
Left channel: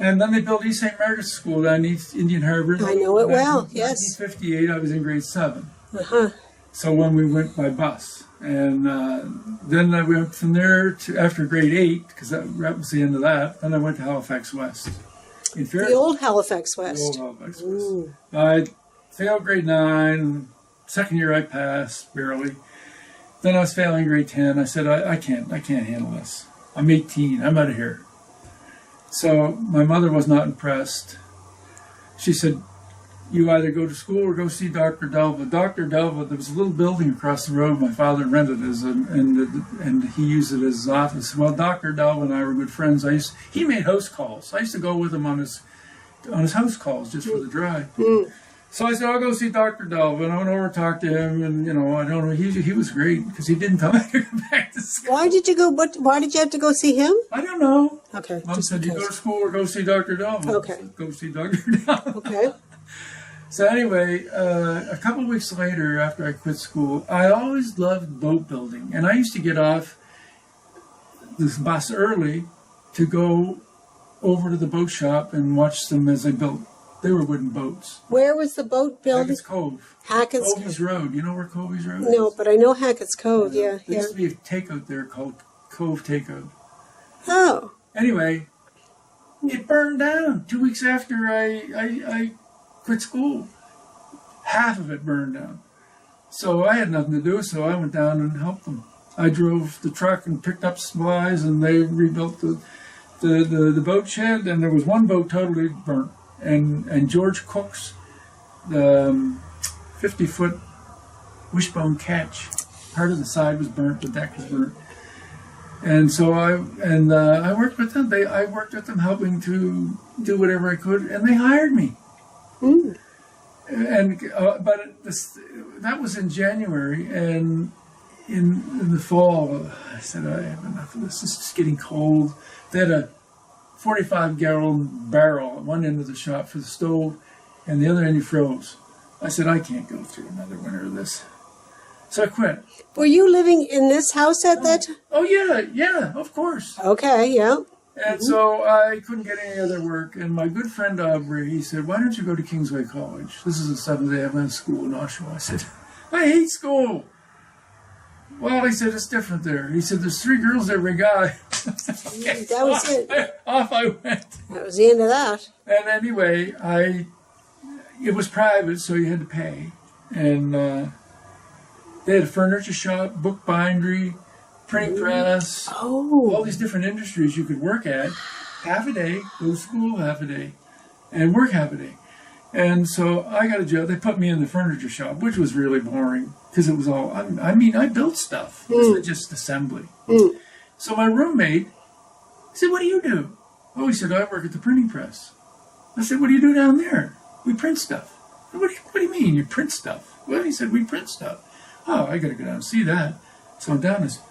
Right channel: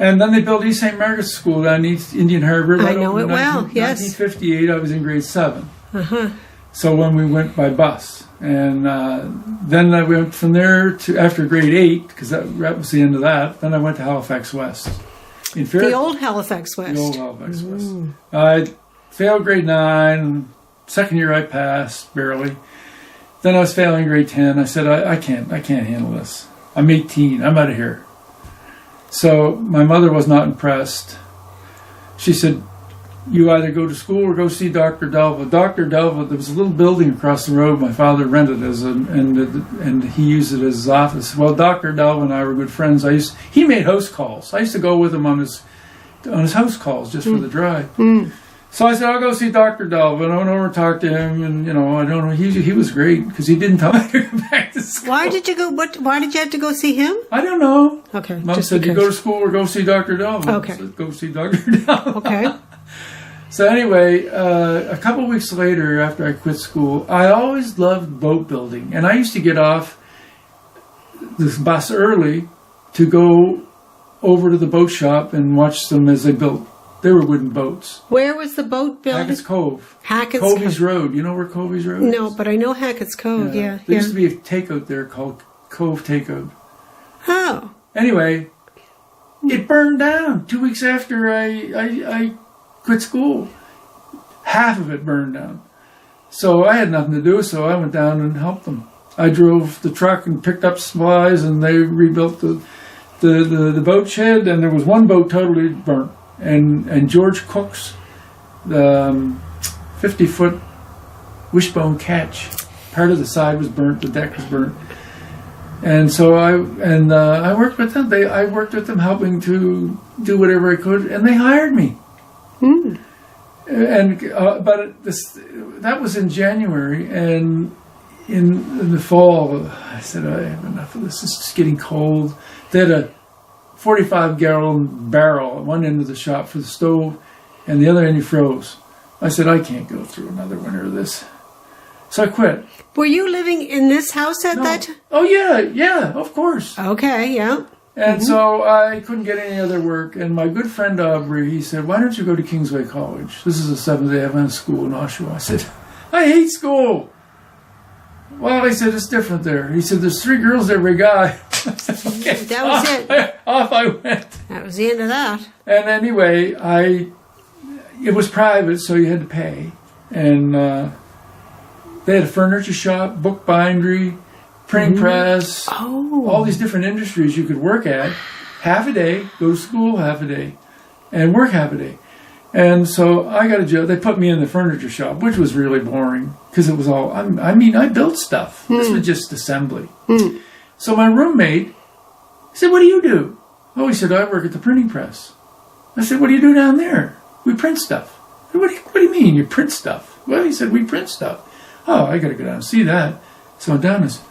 And then they built East St. Margaret's School down East Indian Harbor. I know it well, yes. 1958, I was in grade 7. Mm-hmm. So when we went by bus. And then I went from there to, after grade 8, because that was the end of that, then I went to Halifax West. The old Halifax West. The old Halifax West. I failed grade 9. Second year I passed, barely. Then I was failing grade 10. I said, I can't handle this. I'm 18. I'm out of here. So my mother was not impressed. She said, you either go to school or go see Dr. Delva. Dr. Delva, there was a little building across the road my father rented and he used it as his office. Well, Dr. Delva and I were good friends. He made house calls. I used to go with him on his house calls just for the drive. Mm. So I said, I'll go see Dr. Delva, and I went over and talked to him, and, I don't know, he was great, because he didn't tell me to go back to school. Why did you have to go see him? I don't know. Okay. Mom said, you go to school or go see Dr. Delva. Okay. I said, go see Dr. Delva. Okay. So anyway, a couple of weeks later, after I quit school, I always loved boat building, and I used to get off this bus early to go over to the boat shop and watch them as they built. They were wooden boats. Where was the boat built? Hackett's Cove. Hackett's Covey's Cove. Road. You know where Covey's Road is? No, but I know Hackett's Cove, yeah. There used to be a takeout there called Cove Takeout. Huh. Anyway, it burned down 2 weeks after I quit school. Half of it burned down. So I had nothing to do, so I went down and helped them. I drove the truck and picked up supplies, and they rebuilt the boat shed, and there was one boat totally burnt. And George Cook's 50-foot wishbone catch, part of the side was burnt, the deck was burnt. And so I worked with them. I worked with them, helping to do whatever I could, and they hired me. Hmm. That was in January, and in the fall, I said, I have enough of this. It's just getting cold. They had a 45-gallon barrel at one end of the shop for the stove, and the other end you froze. I said, I can't go through another winter of this. So I quit. Were you living in this house at that time? Oh, yeah, of course. Okay, yeah. And so I couldn't get any other work, and my good friend Aubrey, he said, why don't you go to Kingsway College? This is a Seventh-day Adventist school in Oshawa. I said, I hate school. Well, he said, it's different there. He said, there's 3 girls every guy. I said, okay. That was it. Off I went. That was the end of that. And anyway, it was private, so you had to pay. And they had a furniture shop, book bindery, printing press, all these different industries you could work at half a day, go to school half a day, and work half a day. And so I got a job. They put me in the furniture shop, which was really boring because it was all, I built stuff. This was just assembly. So my roommate said, "What do you do?" Oh, he said, "I work at the printing press." I said, "What do you do down there?" "We print stuff." What do you mean you print stuff? Well, he said, "We print stuff." Oh, I got to go down and see that. So I'm down and said,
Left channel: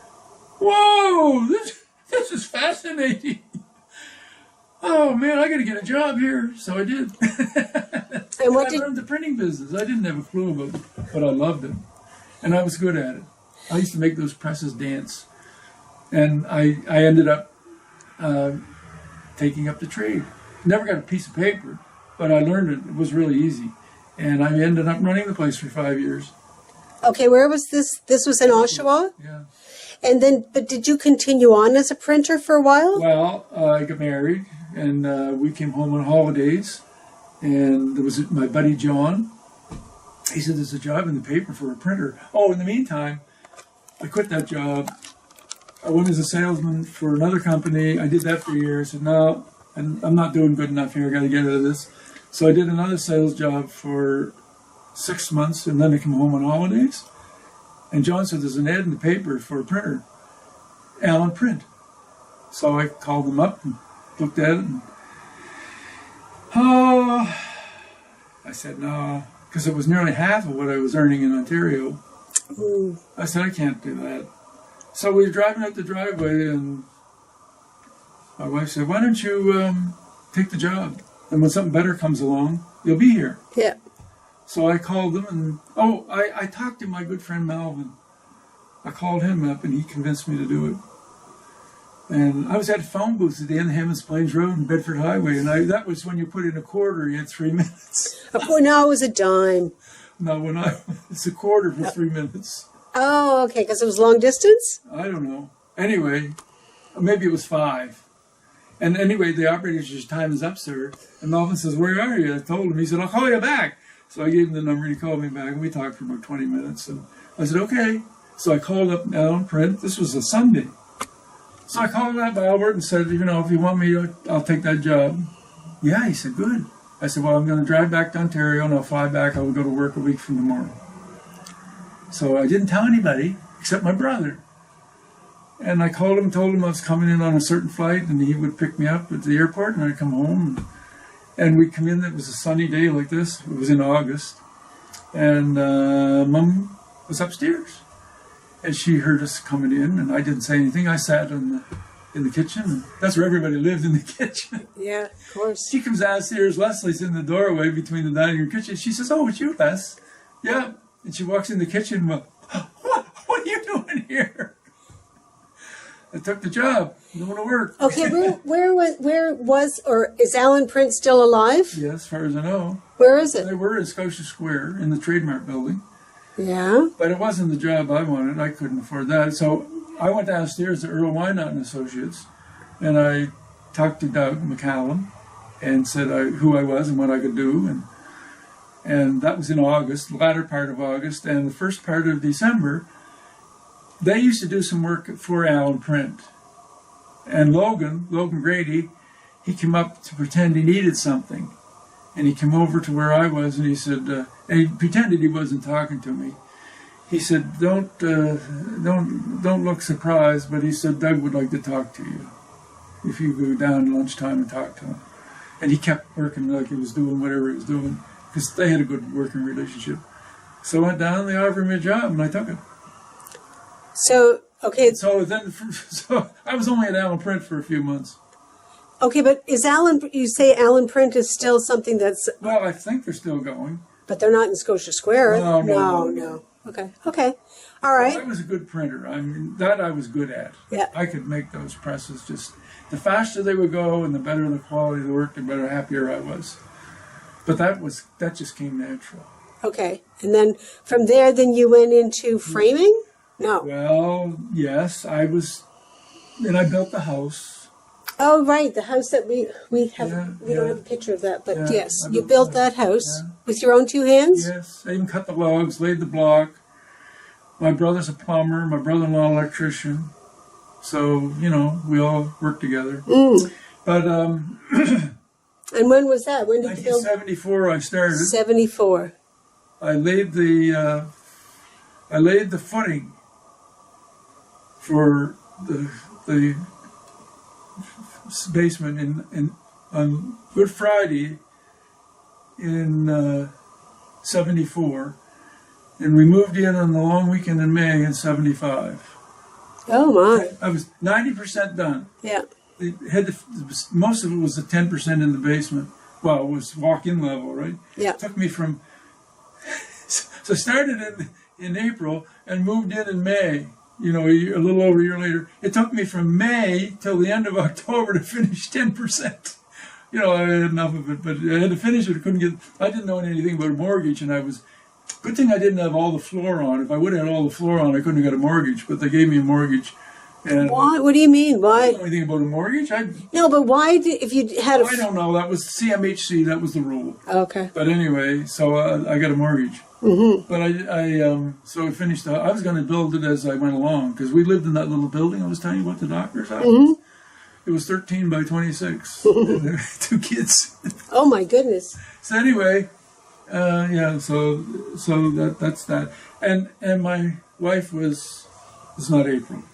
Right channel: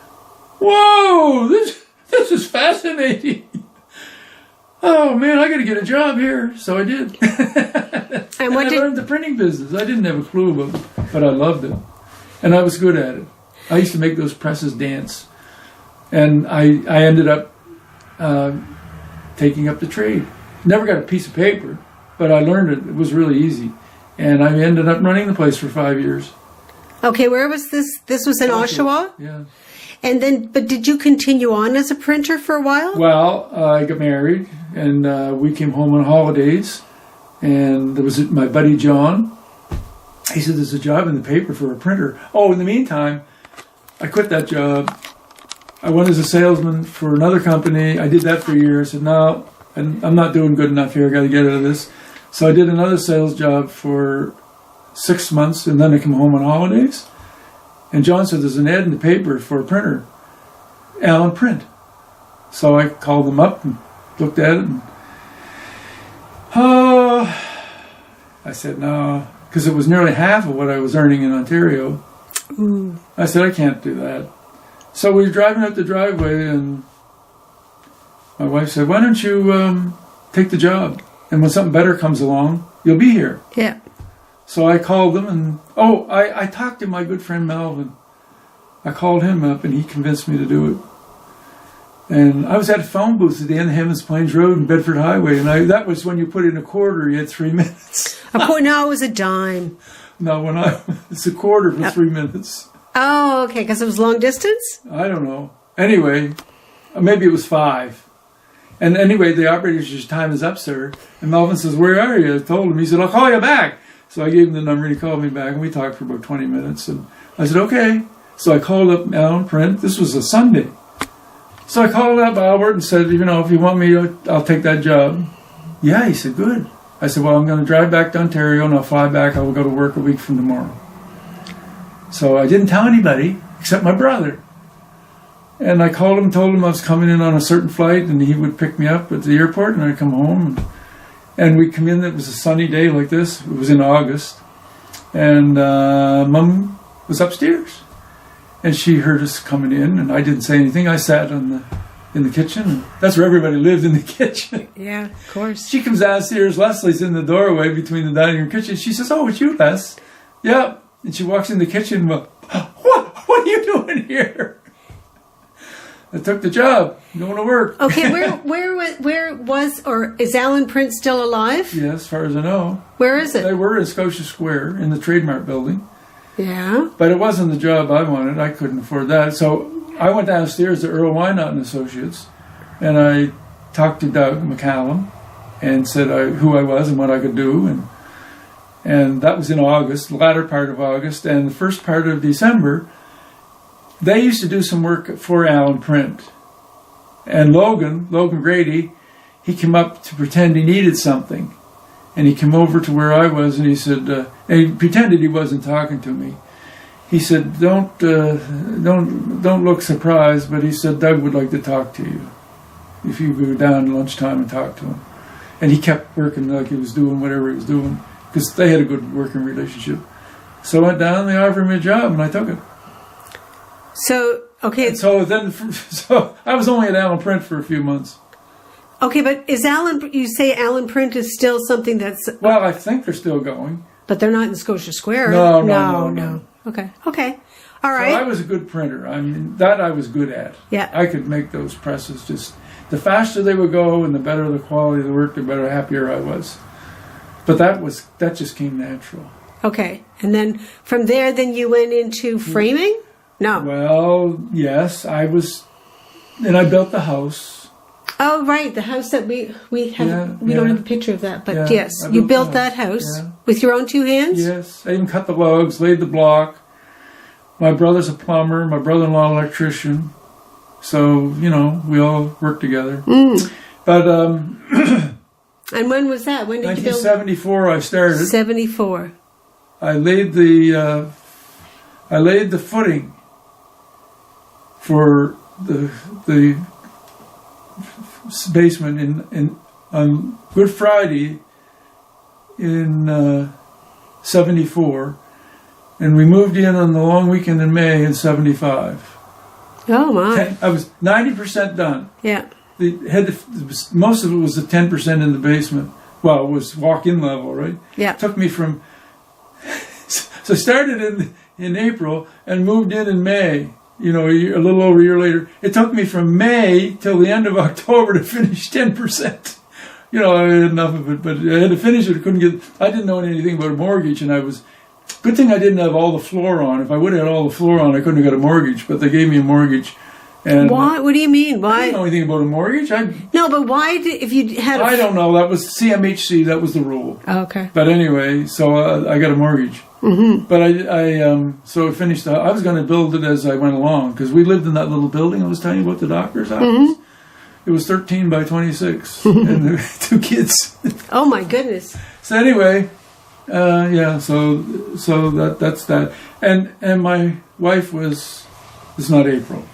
"Whoa, this is fascinating." Oh man, I got to get a job here. So I did. And I learned the printing business. I didn't have a clue about it, but I loved it. And I was good at it. I used to make those presses dance. And I ended up taking up the trade. Never got a piece of paper, but I learned it. It was really easy. And I ended up running the place for 5 years. Okay, where was this? This was in Oshawa? Yeah. And then, but did you continue on as a printer for a while? Well, I got married, and we came home on holidays, and there was my buddy John. He said, "There's a job in the paper for a printer." Oh, in the meantime, I quit that job. I went as a salesman for another company. I did that for a year. I said, "No, I'm not doing good enough here. I got to get out of this." So I did another sales job for 6 months, and then I came home on holidays. And John said, "There's an ad in the paper for a printer, Allen Print." So I called them up and looked at it. And, I said, "No," because it was nearly half of what I was earning in Ontario. I said, "I can't do that." So we were driving up the driveway, and my wife said, "Why don't you take the job? And when something better comes along, you'll be here." Yeah. So I called them, and I talked to my good friend Melvin. I called him up, and he convinced me to do it. And I was at a phone booth at the end of Hammond's Plains Road and Bedford Highway, and that was when you put in a quarter, you had 3 minutes. Oh, no, it was a dime. No, it's a quarter for 3 minutes. Oh, okay, because it was long distance? I don't know. Anyway, maybe it was 5. And anyway, the operator says, "Time is up, sir." And Melvin says, "Where are you?" I told him. He said, "I'll call you back." So I gave him the number, and he called me back, and we talked for about 20 minutes. And I said, "Okay." So I called up Allen Print. This was a Sunday. So I called up Albert and said, "If you want me, I'll take that job." "Yeah," he said, "Good." I said, "Well, I'm going to drive back to Ontario, and I'll fly back. I will go to work a week from tomorrow." So I didn't tell anybody except my brother. And I called him, told him I was coming in on a certain flight, and he would pick me up at the airport, and I'd come home. And we'd come in. It was a sunny day like this. It was in August. And Mom was upstairs. And she heard us coming in, and I didn't say anything. I sat in the kitchen. And that's where everybody lived, in the kitchen. Yeah, of course. She comes downstairs. Leslie's in the doorway between the dining room and kitchen. She says, "Oh, it's you, Les." "Yeah." And she walks in the kitchen. "Well, what are you doing here?" I took the job. I'm going to work. Okay, where was, or is Allen Print still alive? Yeah, as far as I know. Where is it? They were in Scotia Square in the Trademark Building. Yeah. But it wasn't the job I wanted. I couldn't afford that. So I went downstairs to Earl Wynot and Associates, and I talked to Doug McCallum and said who I was and what I could do. And that was in August, the latter part of August. And the first part of December, they used to do some work for Allen Print. And Logan Grady, he came up to pretend he needed something. And he came over to where I was, and he said, and he pretended he wasn't talking to me. He said, don't look surprised, but he said, "Doug would like to talk to you if you go down at lunchtime and talk to him." And he kept working like he was doing whatever he was doing, because they had a good working relationship. So I went down, they offered me a job, and I took it. So, okay. So I was only at Allen Print for a few months. Okay, but you say Allen Print is still something that's... Well, I think they're still going. But they're not in Scotia Square. No. Okay. All So right. I was a good printer. I mean, that I was good at. Yeah. I could make those presses just... The faster they would go and the better the quality of the work, the better, happier I was. But that just came natural. Okay. And then from there, then you went into framing? No. Well, yes, I was... And I built the house. Oh, Oh, right, the house that we had. Yeah, we don't yeah. have a picture of that, but Yeah, yes, I you built built that. that house Yeah. with your own 2 hands? Yes, I even cut the logs, laid the block. My brother's a plumber, my brother-in-law electrician. So, you know, we all work together. But And when was that? When did you build 1974 I started. 74. I laid the footing for the basement on Good Friday in 74, and we moved in on the long weekend in May in 75. Oh, my. I was 90% done. Yeah. Most of it was the 10% in the basement. Well, it was walk-in level, right? Yeah. It took me from... So I started in April and moved in May. You know, a little over a year later. It took me from May till the end of October to finish 10%. You know, I had enough of it, but I had to finish it. I didn't know anything about a mortgage, and good thing I didn't have all the floor on. If I would have had all the floor on, I couldn't have got a mortgage, but they gave me a mortgage. And Why? What do you mean? Why? I don't know anything about a mortgage. No, but why, if you had I don't know. That was CMHC. That was the rule. Oh, okay. But anyway, so I got a mortgage. But so I finished. I was going to build it as I went along because we lived in that little building I was telling you about, the doctor's office. It was 13 by 26, and there were 2 kids. Oh, my goodness. So anyway, yeah. So that's that. And my wife was. It's not April.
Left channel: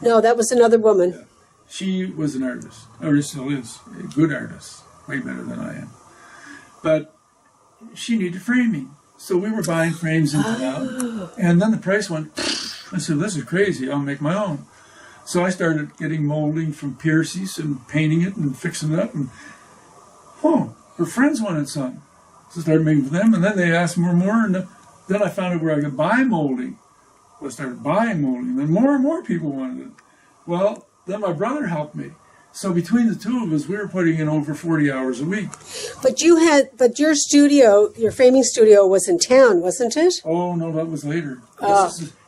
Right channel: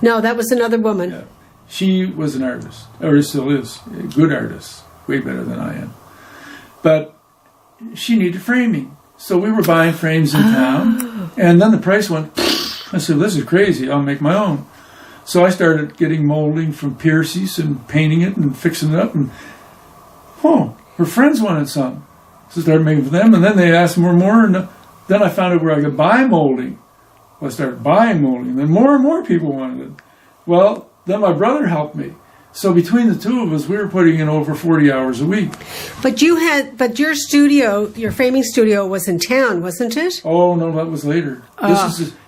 No, that was another woman. Yeah. She was an artist, or still is, a good artist, way better than I am. But she needed framing. So we were buying frames in town, and then the price went, I said, this is crazy, I'll make my own. So I started getting molding from Piercy's and painting it and fixing it up, and her friends wanted some. So I started making for them, and then they asked more and more, and then I found out where I could buy molding. Well, I started buying molding, then more and more people wanted it. Well, then my brother helped me. So between the two of us, we were putting in over 40 hours a week. But your studio, your framing studio was in town, wasn't it? Oh, no, that was later.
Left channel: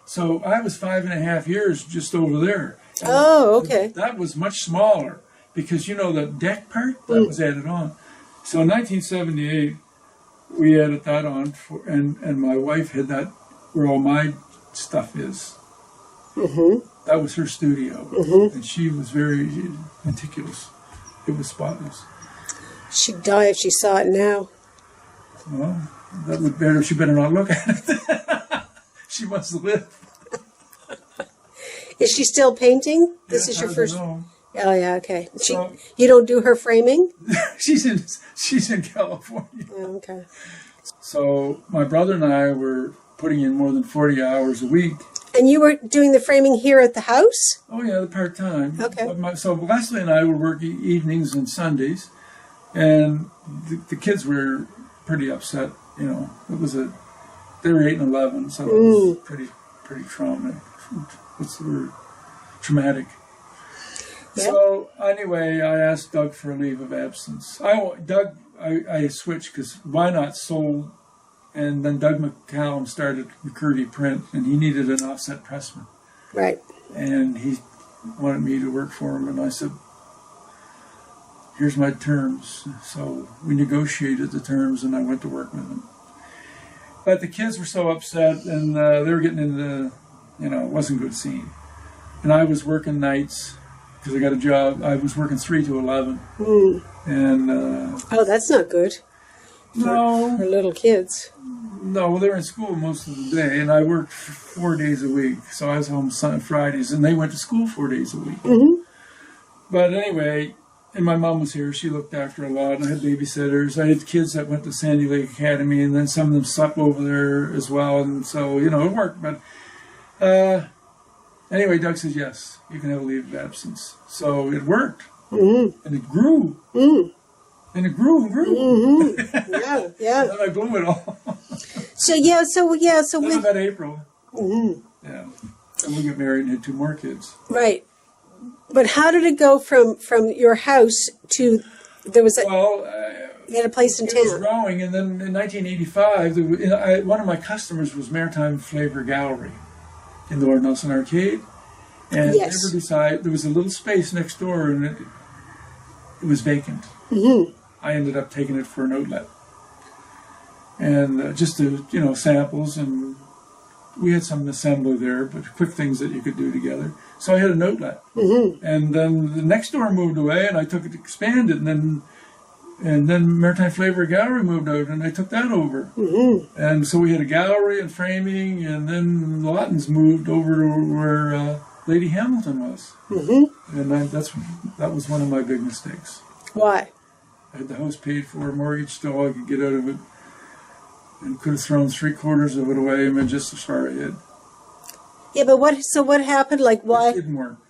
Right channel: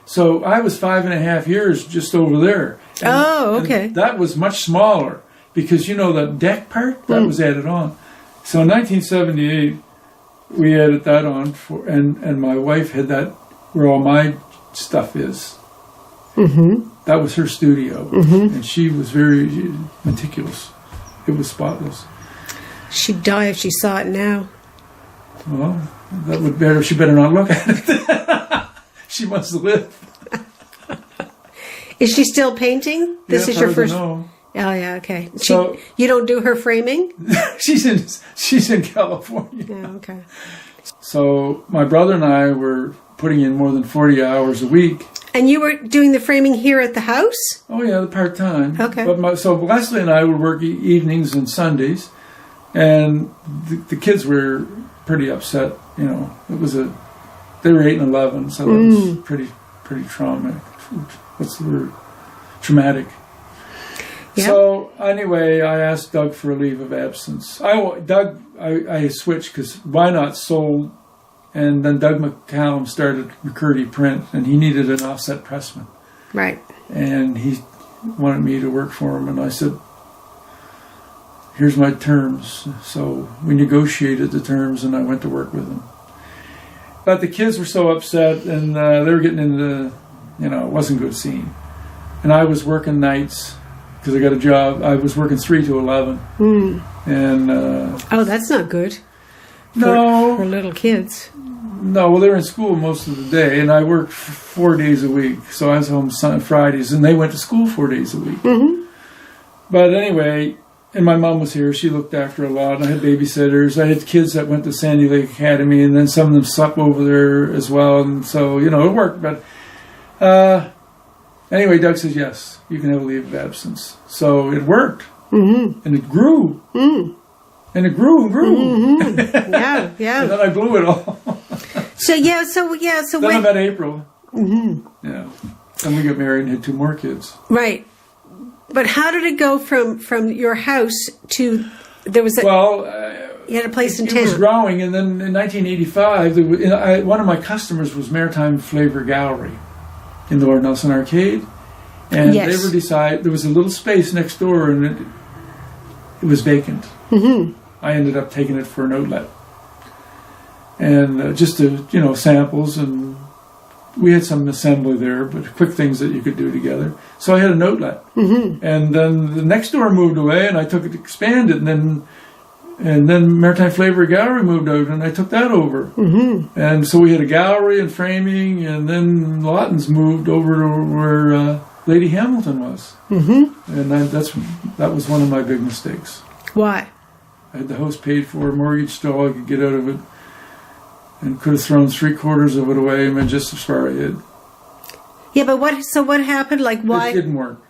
So I was 5.5 years just over there. Okay. And that was much smaller because, you know, that deck part, that was added on. So in 1978, we added that on, and my wife had that where all my stuff is. That was her studio, and she was very meticulous. It was spotless. She'd die if she saw it now. Well, that would better. She better not look at it. She must live. Is she still painting? This is your first. No. Oh yeah, okay. So you don't do her framing? she's in California. Oh, okay. So my brother and I were putting in more than 40 hours a week. And you were doing the framing here at the house? Oh yeah, the part-time. Okay. But so Leslie and I would work evenings and Sundays, and the kids were pretty upset. You know, they were 8 and 11, so that was pretty traumatic. What's the word? Traumatic. Yeah. So anyway, I asked Doug for a leave of absence. I switched because Why Not sold, and then Doug McCallum started McCurdy Print, and he needed an offset pressman. Right. And he wanted me to work for him, and I said, here's my terms. So we negotiated the terms, and I went to work with him. But the kids were so upset, and they were getting into, it wasn't a good scene. And I was working nights because I got a job. I was working 3 to 11. And oh, that's not good. For little kids. No, well, they were in school most of the day, and I worked 4 days a week. So I was home Fridays, and they went to school 4 days a week. But anyway, and my mom was here. She looked after a lot. I had babysitters. I had kids that went to Sandy Lake Academy, and then some of them slept over there as well. And so, it worked. But anyway, Doug says, yes, you can have a leave of absence. So it worked. And it grew. And it grew and grew. Yeah, yeah. And then I blew it all. So Then I met April. Yeah. And we got married and had 2 more kids. Right. But how did it go from your house to there was you had a place in town? It was growing, and then in 1985, one of my customers was Maritime Flavor Gallery in the Lord Nelson Arcade, And Yes. they were there was a little space next door, and it was vacant. I ended up taking it for an outlet. And just to, samples, and we had some assembly there, but quick things that you could do together. So I had an outlet. And then the next door moved away, and I took it to expand it, and then Maritime Flavor Gallery moved out, and I took that over. And so we had a gallery and framing, and then Lawton's moved over to where Lady Hamilton was. And that was one of my big mistakes. What? I had the house paid for, mortgage still I could get out of it, and could have thrown 3/4 of it away, and just as far ahead. Yeah, but what happened? Like, why? It didn't work.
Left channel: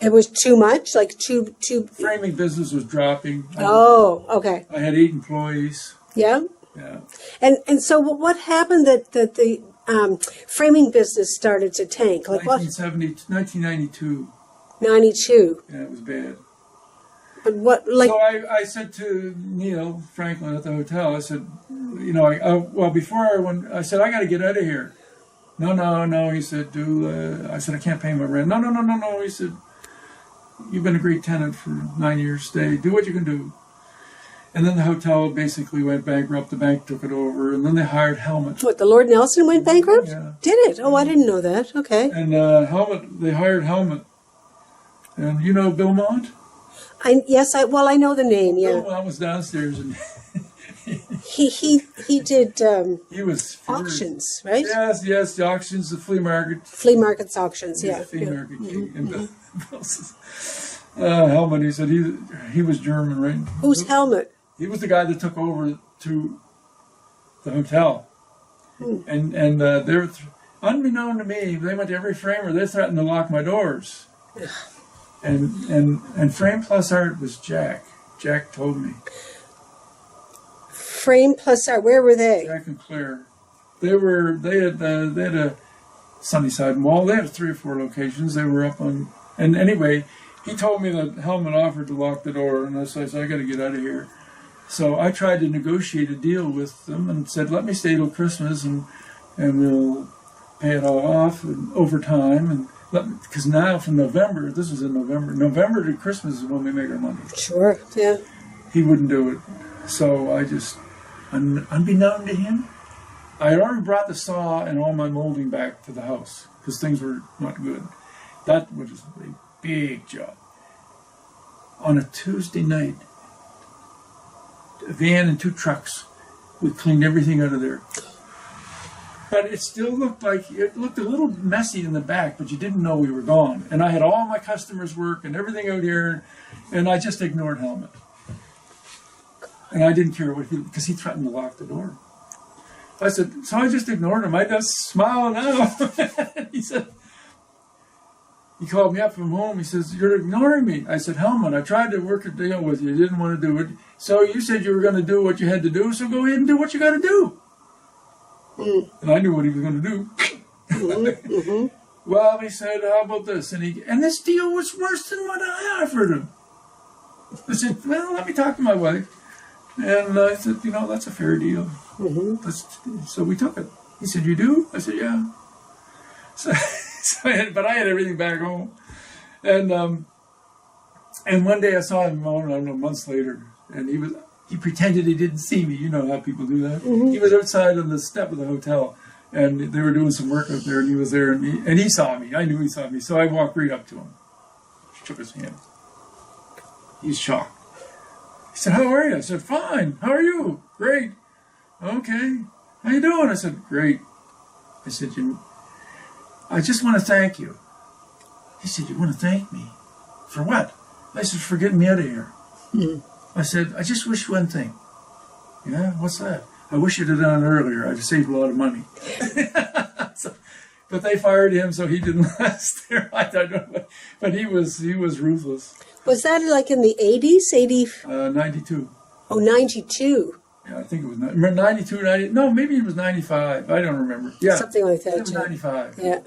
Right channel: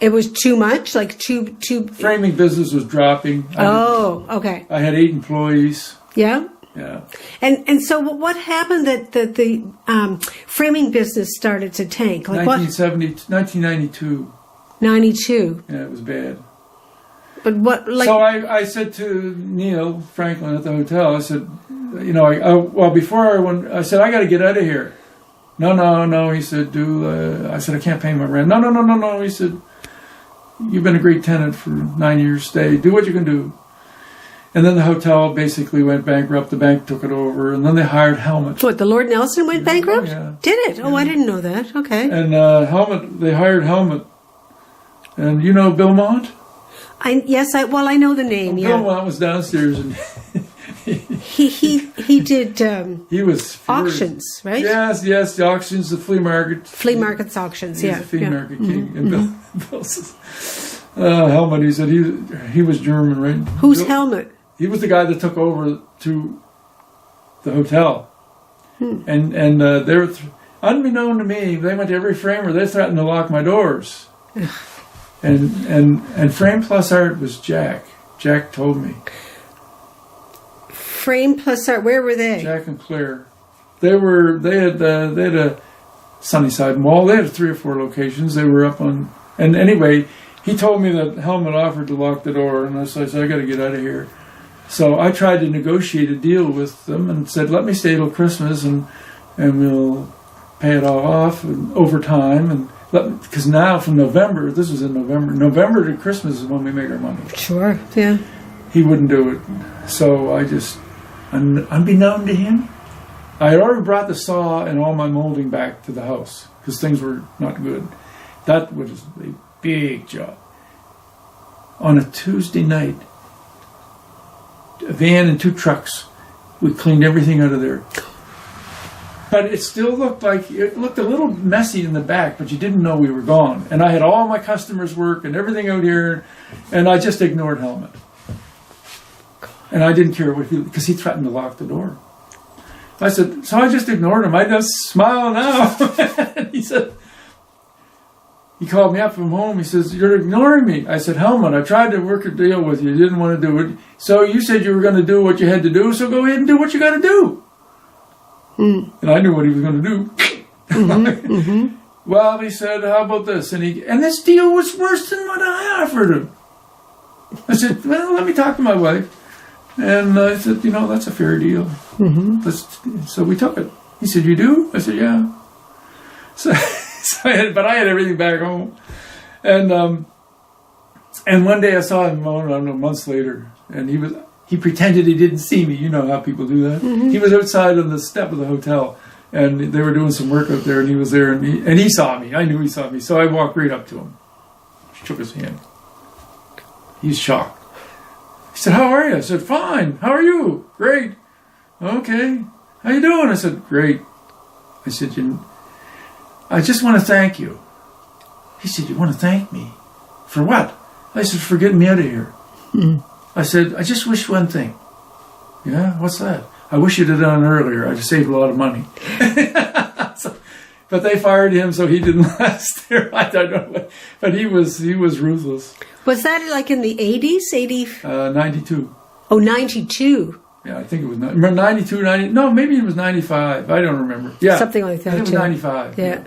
It was too much? Like, too... Framing business was dropping. Oh, okay. I had 8 employees. Yeah? Yeah. And so what happened that the framing business started to tank? Like 1992. 92. Yeah, it was bad. But what? Like, So I said to Neil Franklin at the hotel, I said, before I went, I said, I got to get out of here. No, he said, I said, I can't pay my rent. No, he said, you've been a great tenant for 9 years, stay, do what you can do. And then the hotel basically went bankrupt, the bank took it over, and then they hired Helmut. what, the Lord Nelson went bankrupt? Oh, yeah. Did it? Oh, I didn't know that. Okay. And they hired Helmut. And you know Bill Mont? I know the name, Bill yeah. Mont was downstairs, and He did he was furious. auctions, right? Yes, the auctions, the flea market. Flea markets, auctions, He's yeah. the flea yeah. market king. And Bill says, Helmut, he said he was German, right? Who's Bill- Helmut? He was the guy that took over to the hotel. And they were, unbeknown to me, they went to every framer, they threatened to lock my doors. And Frame Plus Art was Jack. Jack told me. Frame Plus Art, where were they? Jack and Claire. They had a Sunnyside Mall. They had 3 or 4 locations. They were up on, and anyway, he told me that Helmut offered to lock the door, and so I said, I got to get out of here. So I tried to negotiate a deal with them and said, let me stay till Christmas, and we'll pay it all off and over time, and because now from November, this was in November to Christmas is when we make our money. Sure, yeah. He wouldn't do it. So I just, unbeknown to him, I had already brought the saw and all my molding back to the house because things were not good. That was a big job. On a Tuesday night, a van and 2 trucks, we cleaned everything out of there. But it still looked a little messy in the back, but you didn't know we were gone. And I had all my customers' work and everything out here, and I just ignored Helmut. And I didn't care because he threatened to lock the door. I said, so I just ignored him. I just smile now. He called me up from home. He says, you're ignoring me. I said, Helmut, I tried to work a deal with you. You didn't want to do it. So you said you were going to do what you had to do, so go ahead and do what you got to do. And I knew what he was going to do. Well, he said, how about this? And this deal was worse than what I offered him. I said, well, let me talk to my wife. And I said, that's a fair deal. So we took it. He said, you do? I said, yeah. So I had everything back home. And one day I saw him, I don't know, months later, and he pretended he didn't see me. You know how people do that. He was outside on the step of the hotel, and they were doing some work out there, and he was there, and he saw me. I knew he saw me, so I walked right up to him, shook his hand. He's shocked. He said, how are you? I said, fine. How are you? Great. Okay. How you doing? I said, great. I said, I just want to thank you. He said, you want to thank me? For what? I said, for getting me out of here. I said, I just wish one thing. Yeah, what's that? I wish you'd have done it earlier. I'd have saved a lot of money. But they fired him, so he didn't last there. I don't know. But he was ruthless. Was that like in the 80s? 92. Oh, 92. Yeah, I think it was 92, 90. No, maybe it was 95. I don't remember. Yeah. Something like that. I think it was 95. Yeah.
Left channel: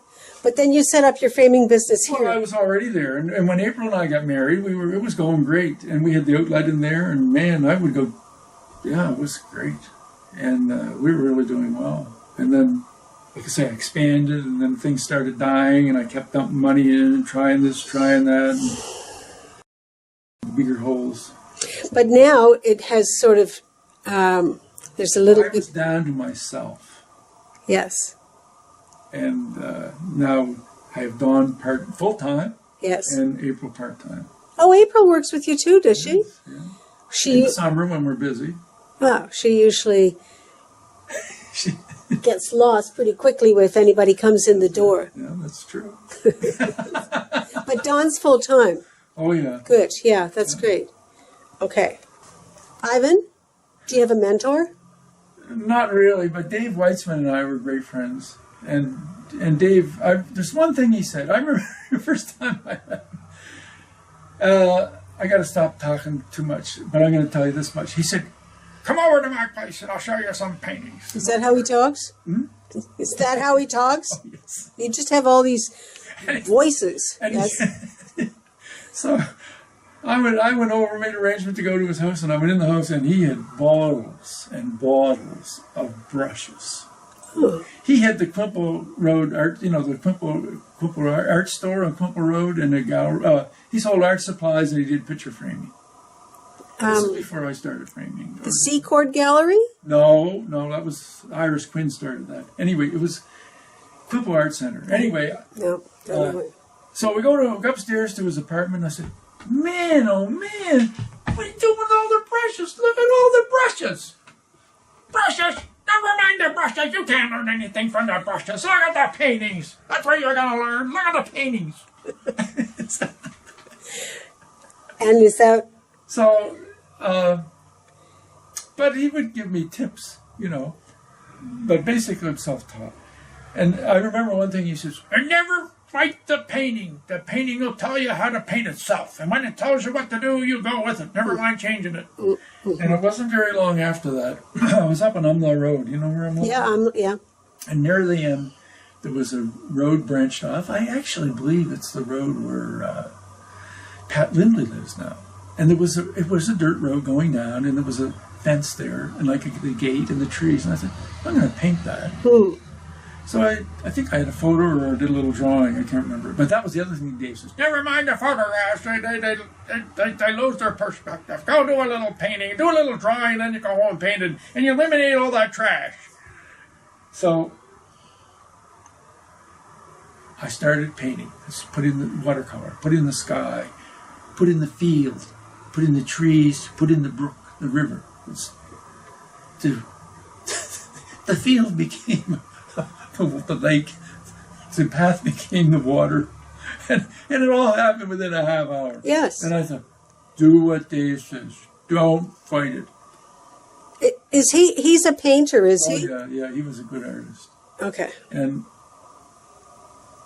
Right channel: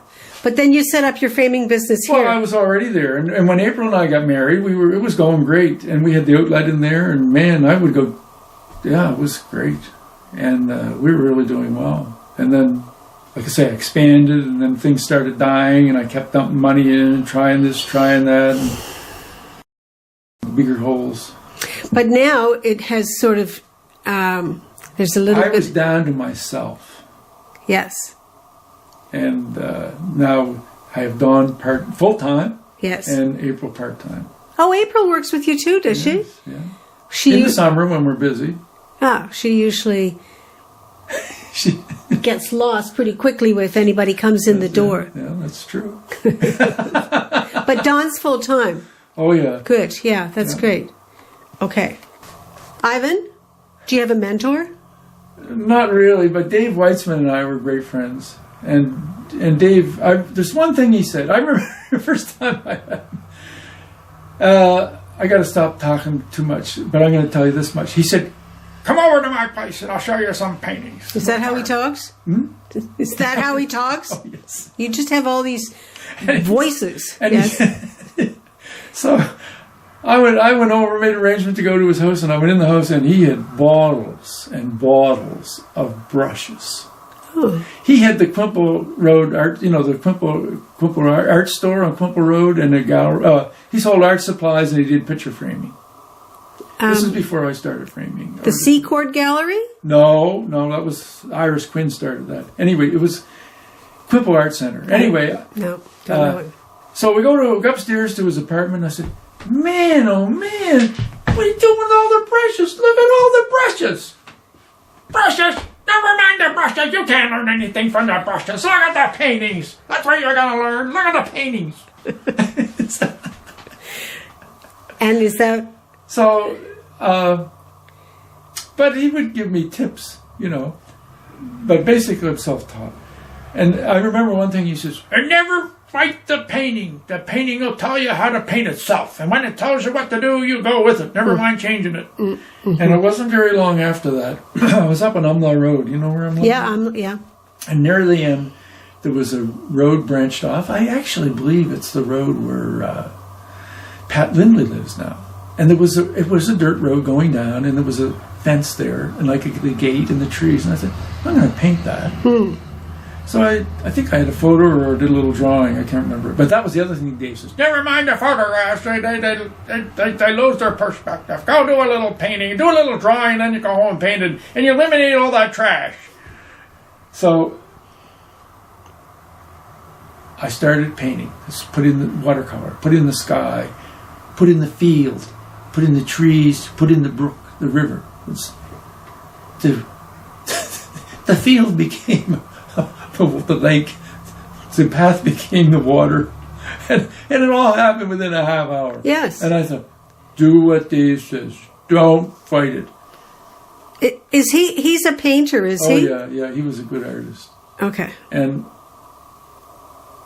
But then you set up your framing business Well, here. I was already there. And when April and I got married, it was going great. And we had the outlet in there. And man, I would go, yeah, it was great. And we were really doing well. And then like I say, I expanded, and then things started dying, and I kept dumping money in and trying this, trying that, and bigger holes. But now it has sort of, there's a little I bit... was down to myself. Yes. And now I have Dawn full-time. Yes. And April part-time. Oh, April works with you too, does she? Yeah. She In the summer when we're busy. she usually She, gets lost pretty quickly if anybody comes in the door. yeah, that's true. But Dawn's full time. Oh, yeah. Good, yeah, that's great. Okay. Ivan, do you have a mentor? Not really, but Dave Weitzman and I were great friends. And Dave, there's one thing he said. I remember the first time I met him. I got to stop talking too much, but I'm going to tell you this much. He said, "Come over to my place and I'll show you some paintings." Is that how he talks? Hmm? Is that how he talks? Oh, yes. You just have all these voices. And Yes. So I went over, made arrangement to go to his house, and I went in the house, and he had bottles and bottles of brushes. Oh. He had the Quimple Road art, the Quimple art store on Quimple Road, and a gallery. He sold art supplies, and he did picture framing. This is before I started framing. The Seacourt Gallery? No, that was Iris Quinn started that. Anyway, it was Quimple Art Center. Anyway, No. so we go upstairs to his apartment. I said, "Man, oh man, what are you doing with all the brushes? Look at all the brushes. Brushes? Never mind the brushes. You can't learn anything from the brushes. Look at the paintings. That's what you're going to learn. Look at the paintings." And is that... So, but he would give me tips, but basically I'm self-taught. And I remember one thing he says, "And never fight the painting. The painting will tell you how to paint itself. And when it tells you what to do, you go with it. Never mind changing it." And it wasn't very long after that. I was up on Umlaw Road. You know where Umlaw is? Yeah. And near the end, there was a road branched off. I actually believe it's the road where Pat Lindley lives now. And it was a dirt road going down, and there was a fence there, and like the gate and the trees. And I said, "I'm going to paint that." So I think I had a photo or did a little drawing. I can't remember. But that was the other thing Dave says, "Never mind the photographs. They lose their perspective. Go do a little painting, do a little drawing, then you go home and paint it, and you eliminate all that trash." So I started painting. Just put in the watercolor, put in the sky, put in the field, put in the trees, put in the brook, the river. The field became the lake. The path became the water. And it all happened within a half hour. Yes. And I thought, do what Dave says. Don't fight it. Is he's a painter, is Oh, he? yeah, he was a good artist. Okay. And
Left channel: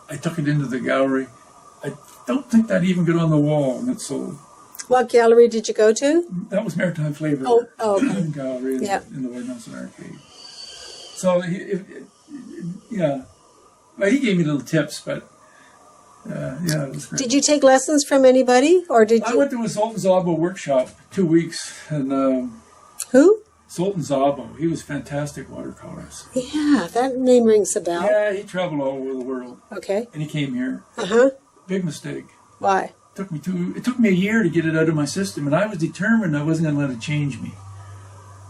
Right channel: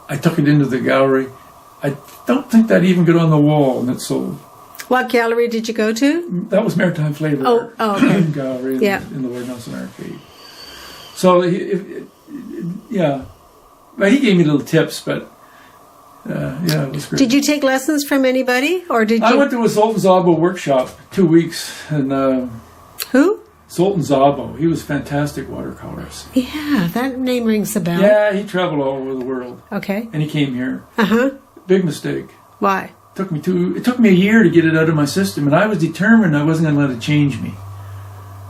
I took it into the gallery. I don't think that even got on the wall, and it sold. What gallery did you go to? That was Maritime Flavor okay. Gallery in the Lord Nelson Arcade. So, Well, he gave me little tips, but it was great. Did you take lessons from anybody, or did you? I went to a Zoltan Szabo workshop 2 weeks, and Who? Zoltan Szabo, he was a fantastic watercolorist. Yeah, that name rings a bell. Yeah, he traveled all over the world, Okay. and he came here. Uh-huh. Big mistake. Why? It took me a year to get it out of my system, and I was determined I wasn't going to let it change me,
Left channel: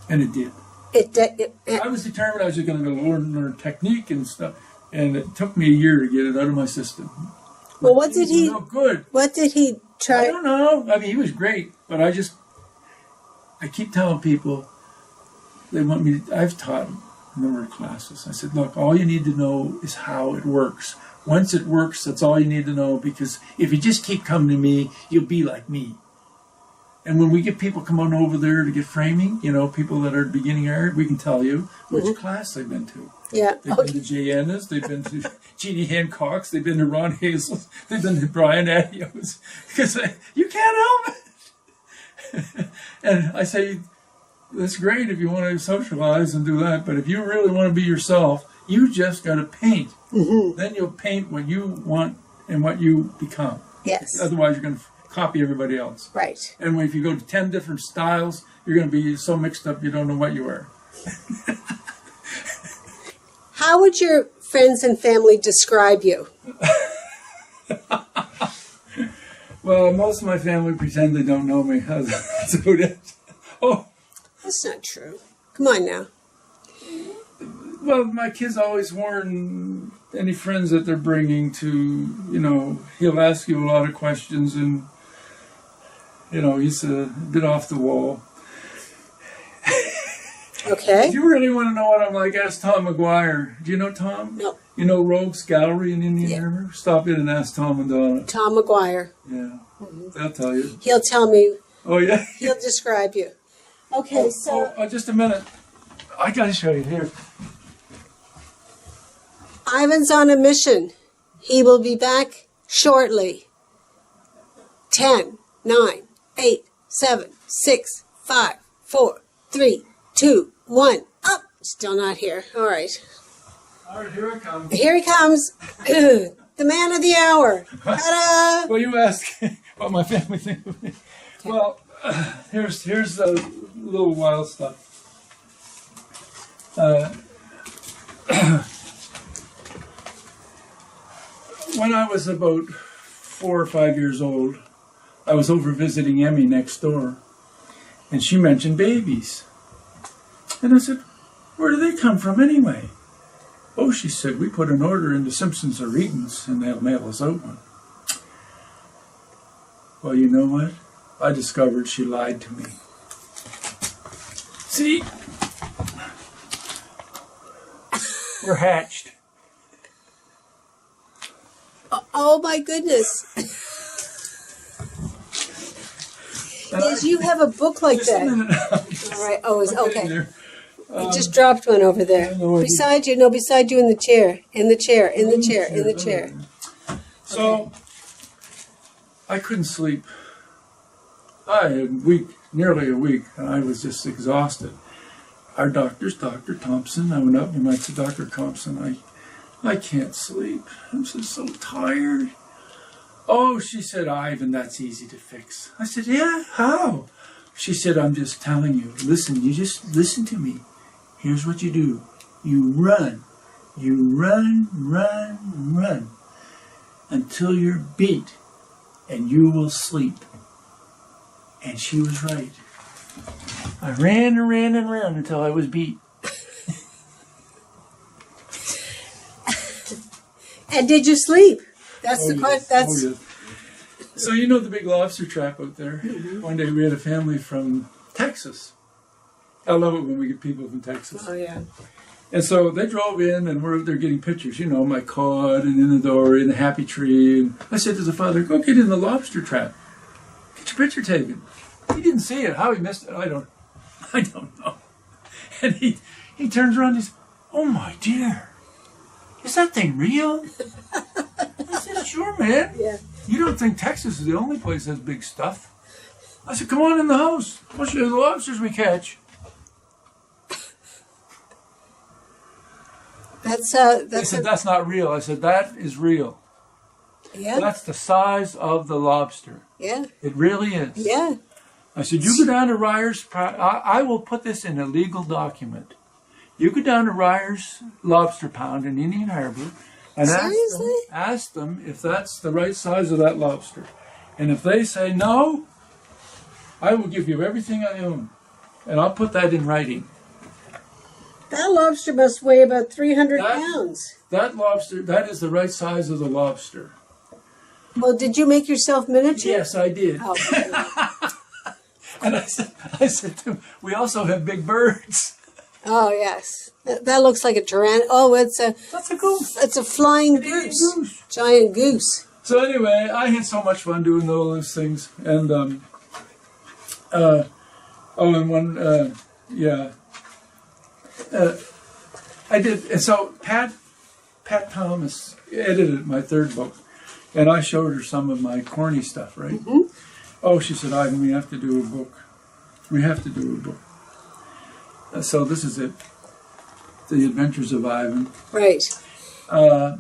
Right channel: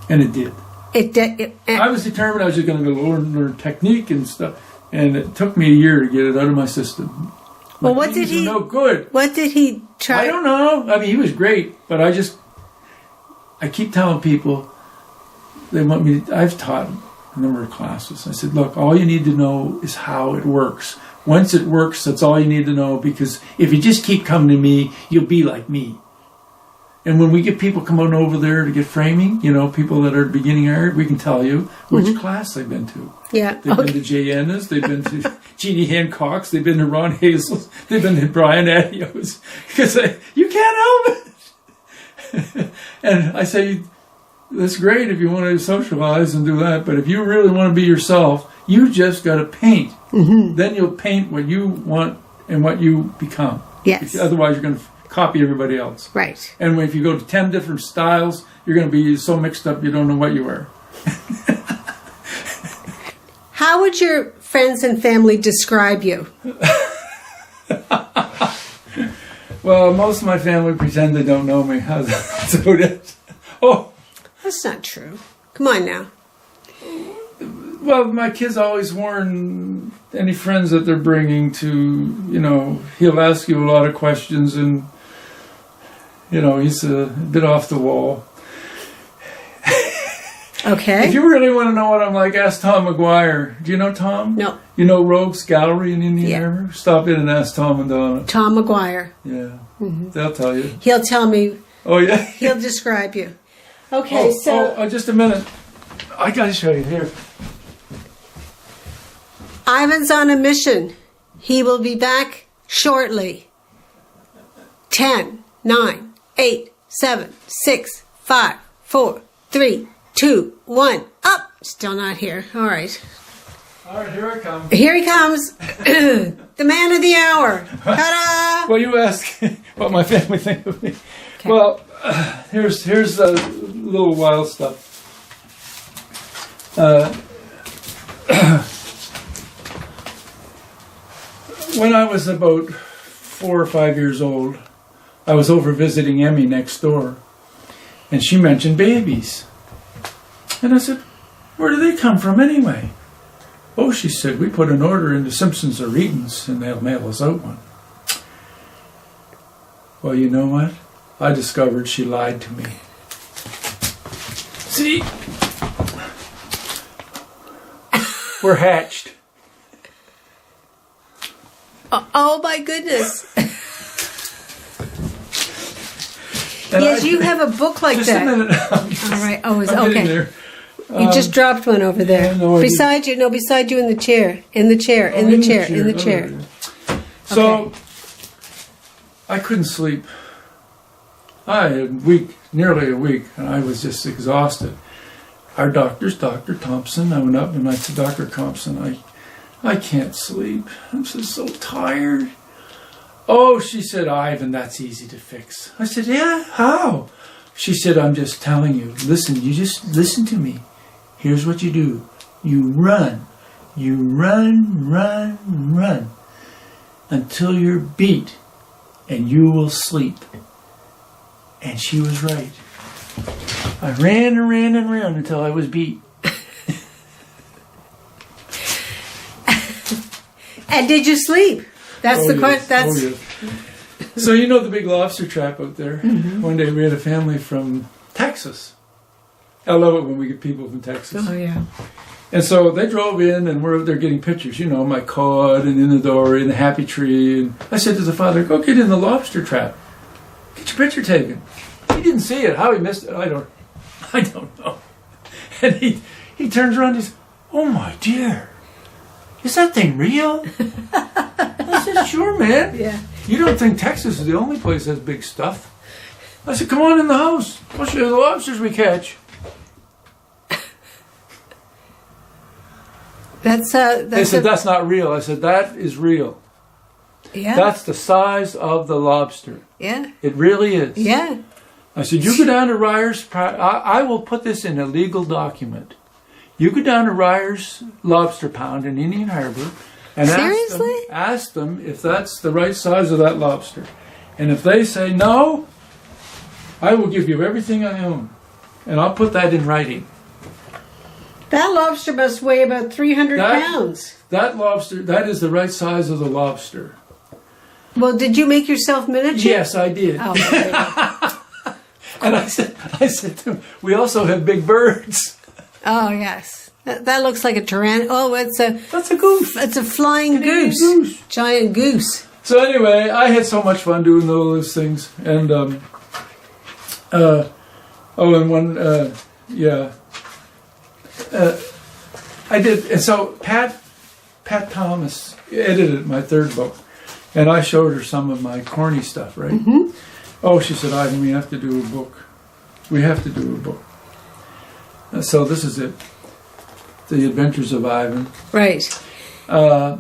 and it did. I was determined I was just going to learn technique and stuff, and it took me a year to get it out of my system. Well, what did he? No good. What did he try? I don't know. I mean, he was great, but I keep telling people they want me to. I've taught a number of classes. I said, look, all you need to know is how it works. Once it works, that's all you need to know, because if you just keep coming to me, you'll be like me. And when we get people coming over there to get framing, people that are beginning art, we can tell you which class they've been to. Yeah. They've been to Jay Ennis, they've been to Jeannie Hancock's, they've been to Ron Hazel's, they've been to Brian Adio's, because you can't help it. And I say, that's great if you want to socialize and do that, but if you really want to be yourself, you just got to paint. Mm-hmm. Then you'll paint what you want and what you become. Yes. Otherwise, you're going to copy everybody else. Right. And if you go to 10 different styles, you're going to be so mixed up you don't know what you are. How would your friends and family describe you? Well, most of my family pretend they don't know me. That's about it. Oh, That's not true. Come on now. well, my kids always warn any friends that they're bringing to, he'll ask you a lot of questions and, he's a bit off the wall. Okay. If you really want to know what I'm like, ask Tom McGuire. Do you know Tom? No. You know Rogues Gallery in Indian Yeah. River? Stop in and ask Tom and Donna. Tom McGuire. Yeah, they'll tell you. He'll tell me. Oh, yeah? He'll describe you. Okay, Just a minute. I got to show you here. Ivan's on a mission. He will be back shortly. 10, 9, 8, 7, 6, 5, 4, 3, 2, 1. Up! Still not here. All right. All right, here I come. Here he comes. The man of the hour. Ta-da! Well, you ask what my family think of me. Okay. Well, here's a little wild stuff. When I was about 4 or 5 years old, I was over visiting Emmy next door, and she mentioned babies. And I said, "Where do they come from anyway?" "Oh," she said, "we put an order into Simpsons or Eaton's, and they'll mail us out one." Well, you know what? I discovered she lied to me. See? We're hatched. Oh my goodness. And Yes, you have a book like just that. a minute. All right. Oh, it's I'm okay. getting there. You just dropped one over there. yeah, no, I beside you in the chair. In the chair. Oh, In the chair. In the Oh, chair. yeah. So, I couldn't sleep. I had nearly a week, and I was just exhausted. Our doctor's Dr. Thompson. I went up and I said, "Dr. Thompson, I can't sleep. I'm just so tired." "Oh," she said, "Ivan, that's easy to fix." I said, "Yeah, how?" She said, "I'm just telling you. Listen, you just listen to me. Here's what you do. You run. You run until you're beat, and you will sleep." And she was right. I ran and ran and ran until I was beat. And did you sleep? That's the question. Oh, yes. So you know the big lobster trap out there? Mm-hmm. One day we had a family from Texas. I love it when we get people from Texas. Oh, yeah. And so they drove in and we're out there getting pictures, my cod and in the dory and the happy tree. And I said to the father, "Go get in the lobster trap. Get your picture taken." He didn't see it. How he missed it, I don't know. And he turns around and he says, "Oh my dear, is that thing real?" I said, "Sure, man. Yeah. You don't think Texas is the only place that has big stuff?" I said, "Come on in the house. I'll show you the lobsters we catch." They said, "That's not real." I said, "That is real. Yeah. That's the size of the lobster. Yeah. It really is." Yeah. I said, "You go down to Ryer's. I will put this in a legal document. You go down to Ryer's Lobster Pound in Indian Harbor and ask them if that's the right size of that lobster. And if they say no, I will give you everything I own. And I'll put that in writing." That lobster must weigh about 300 pounds. That lobster, that is the right size of the lobster. Well, did you make yourself miniature? Yes, I did. Oh, okay. And I said to him, "We also have big birds." Oh, yes. That looks like a tarantula. Oh, That's a goose. It's a flying Canadian goose. goose. Giant goose. So anyway, I had so much fun doing all those things. And, I did. And so Pat Thomas edited my third book. And I showed her some of my corny stuff, right? Mm-hmm. "Oh," she said, "Ivan, we have to do a book. We have to do a book." So this is it. The Adventures of Ivan. Right. But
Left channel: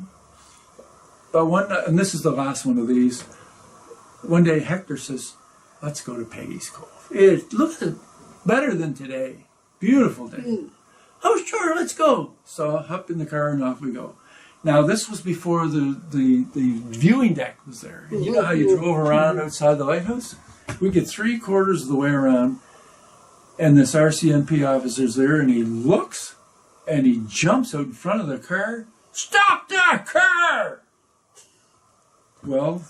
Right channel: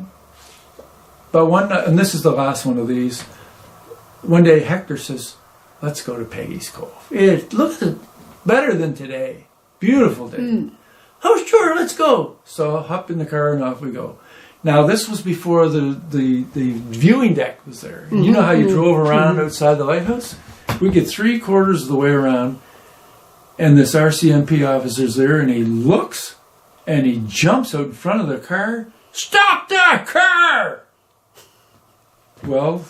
and this is the last one of these. One day Hector says, "Let's go to Peggy's Cove. It looks better than today. Beautiful day." "Oh, sure, let's go." So I hop in the car and off we go. Now, this was before the viewing deck was there. And you know how you drove around outside the lighthouse? We get 3/4 of the way around, and this RCMP officer's there, and he looks, and he jumps out in front of the car. Stop that car! Well,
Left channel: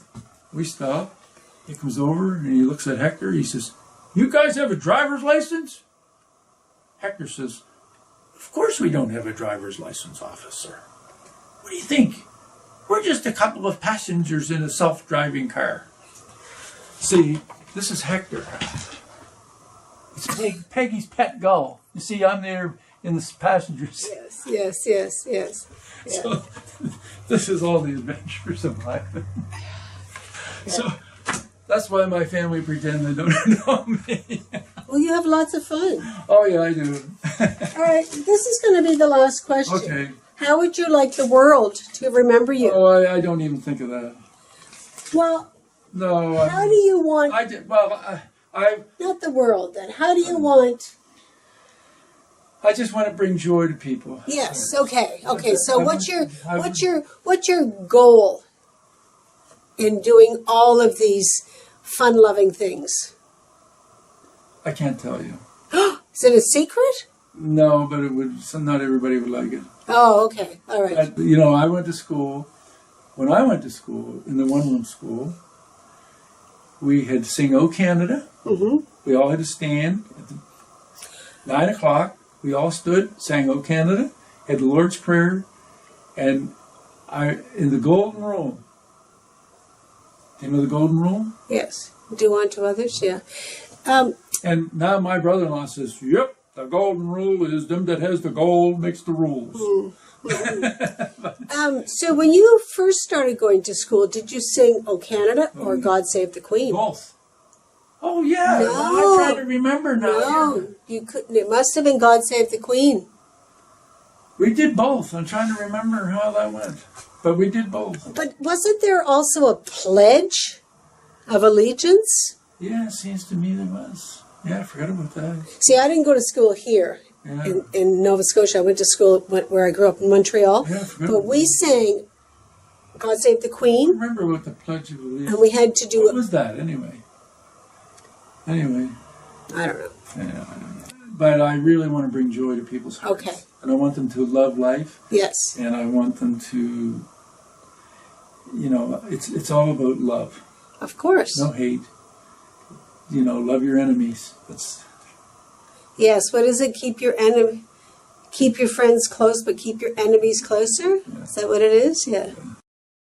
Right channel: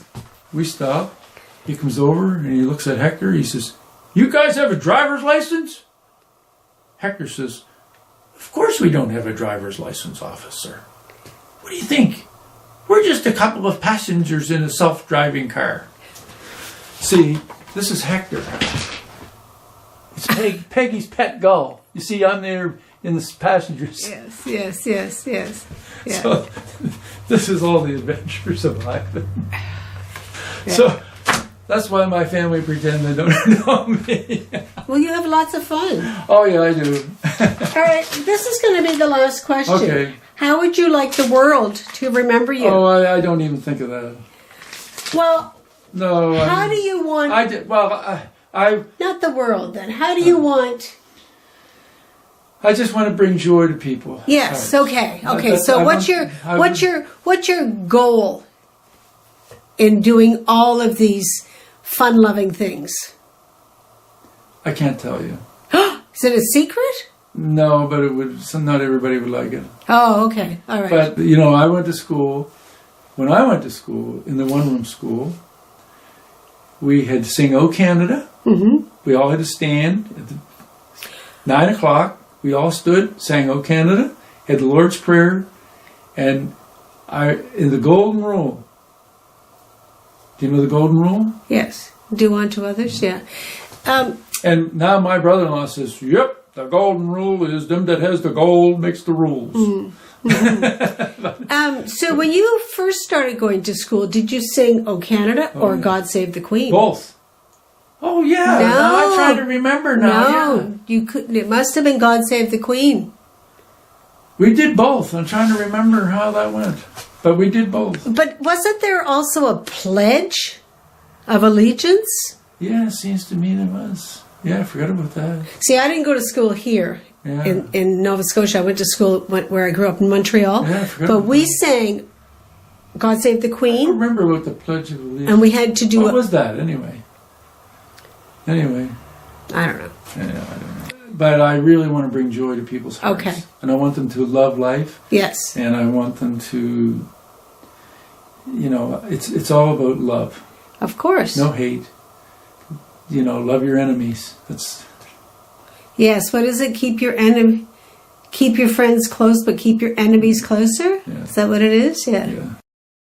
we stop. He comes over, and he looks at Hector. He says, you guys have a driver's license? Hector says, of course we don't have a driver's license, officer. What do you think? We're just a couple of passengers in a self-driving car. See, this is Hector. It's Peggy's pet gull. You see, I'm there in the passenger seat. Yes. Yeah. So, this is all the adventures of Ivan. Yeah. So, that's why my family pretend they don't know me. Well, you have lots of fun. Oh, yeah, I do. All right, this is going to be the last question. Okay. How would you like the world to remember you? Oh, I don't even think of that. Well, no. How do you want... I did. Well, I... Not the world, then. How do you want... I just want to bring joy to people. Yes, right. Okay. So what's your goal in doing all of these fun-loving things? I can't tell you. Is it a secret? No, but it would. Not everybody would like it. Oh, okay. All right. But, you know, I went to school. When I went to school, in the one-room school, we had to sing O Canada. Mm-hmm. We all had to stand at 9 o'clock. We all stood, sang O Canada, had the Lord's Prayer, and in the Golden Rule. Do you know the Golden Rule? Yes. Do unto others, yeah. And now my brother-in-law says, yep, the Golden Rule is them that has the gold makes the rules. Mm-hmm. So when you first started going to school, did you sing O Canada or God Save the Queen? Both. Oh, yeah. No. Now I try to remember now. No, Yeah. you could. It must have been God Save the Queen. We did both. I'm trying to remember how that went. But we did both. But wasn't there also a pledge of allegiance? Yeah, it seems to me there was. Yeah, I forgot about that. See, I didn't go to school here Yeah. in Nova Scotia. I went to school where I grew up in Montreal. Yeah, I forgot But about we that. sang God Save the I don't Queen, remember what the Pledge of Allegiance. and we had to do What was that, anyway? Anyway. I don't know. Yeah, I don't know. But I really want to bring joy to people's hearts. Okay. And I want them to love life. Yes. And I want them to, you know, it's all about love. Of course. No hate. You know, love your enemies. That's... Yes. What is it? Keep your friends close, but keep your enemies closer. Yeah. Is that what it is? Yeah. Yeah.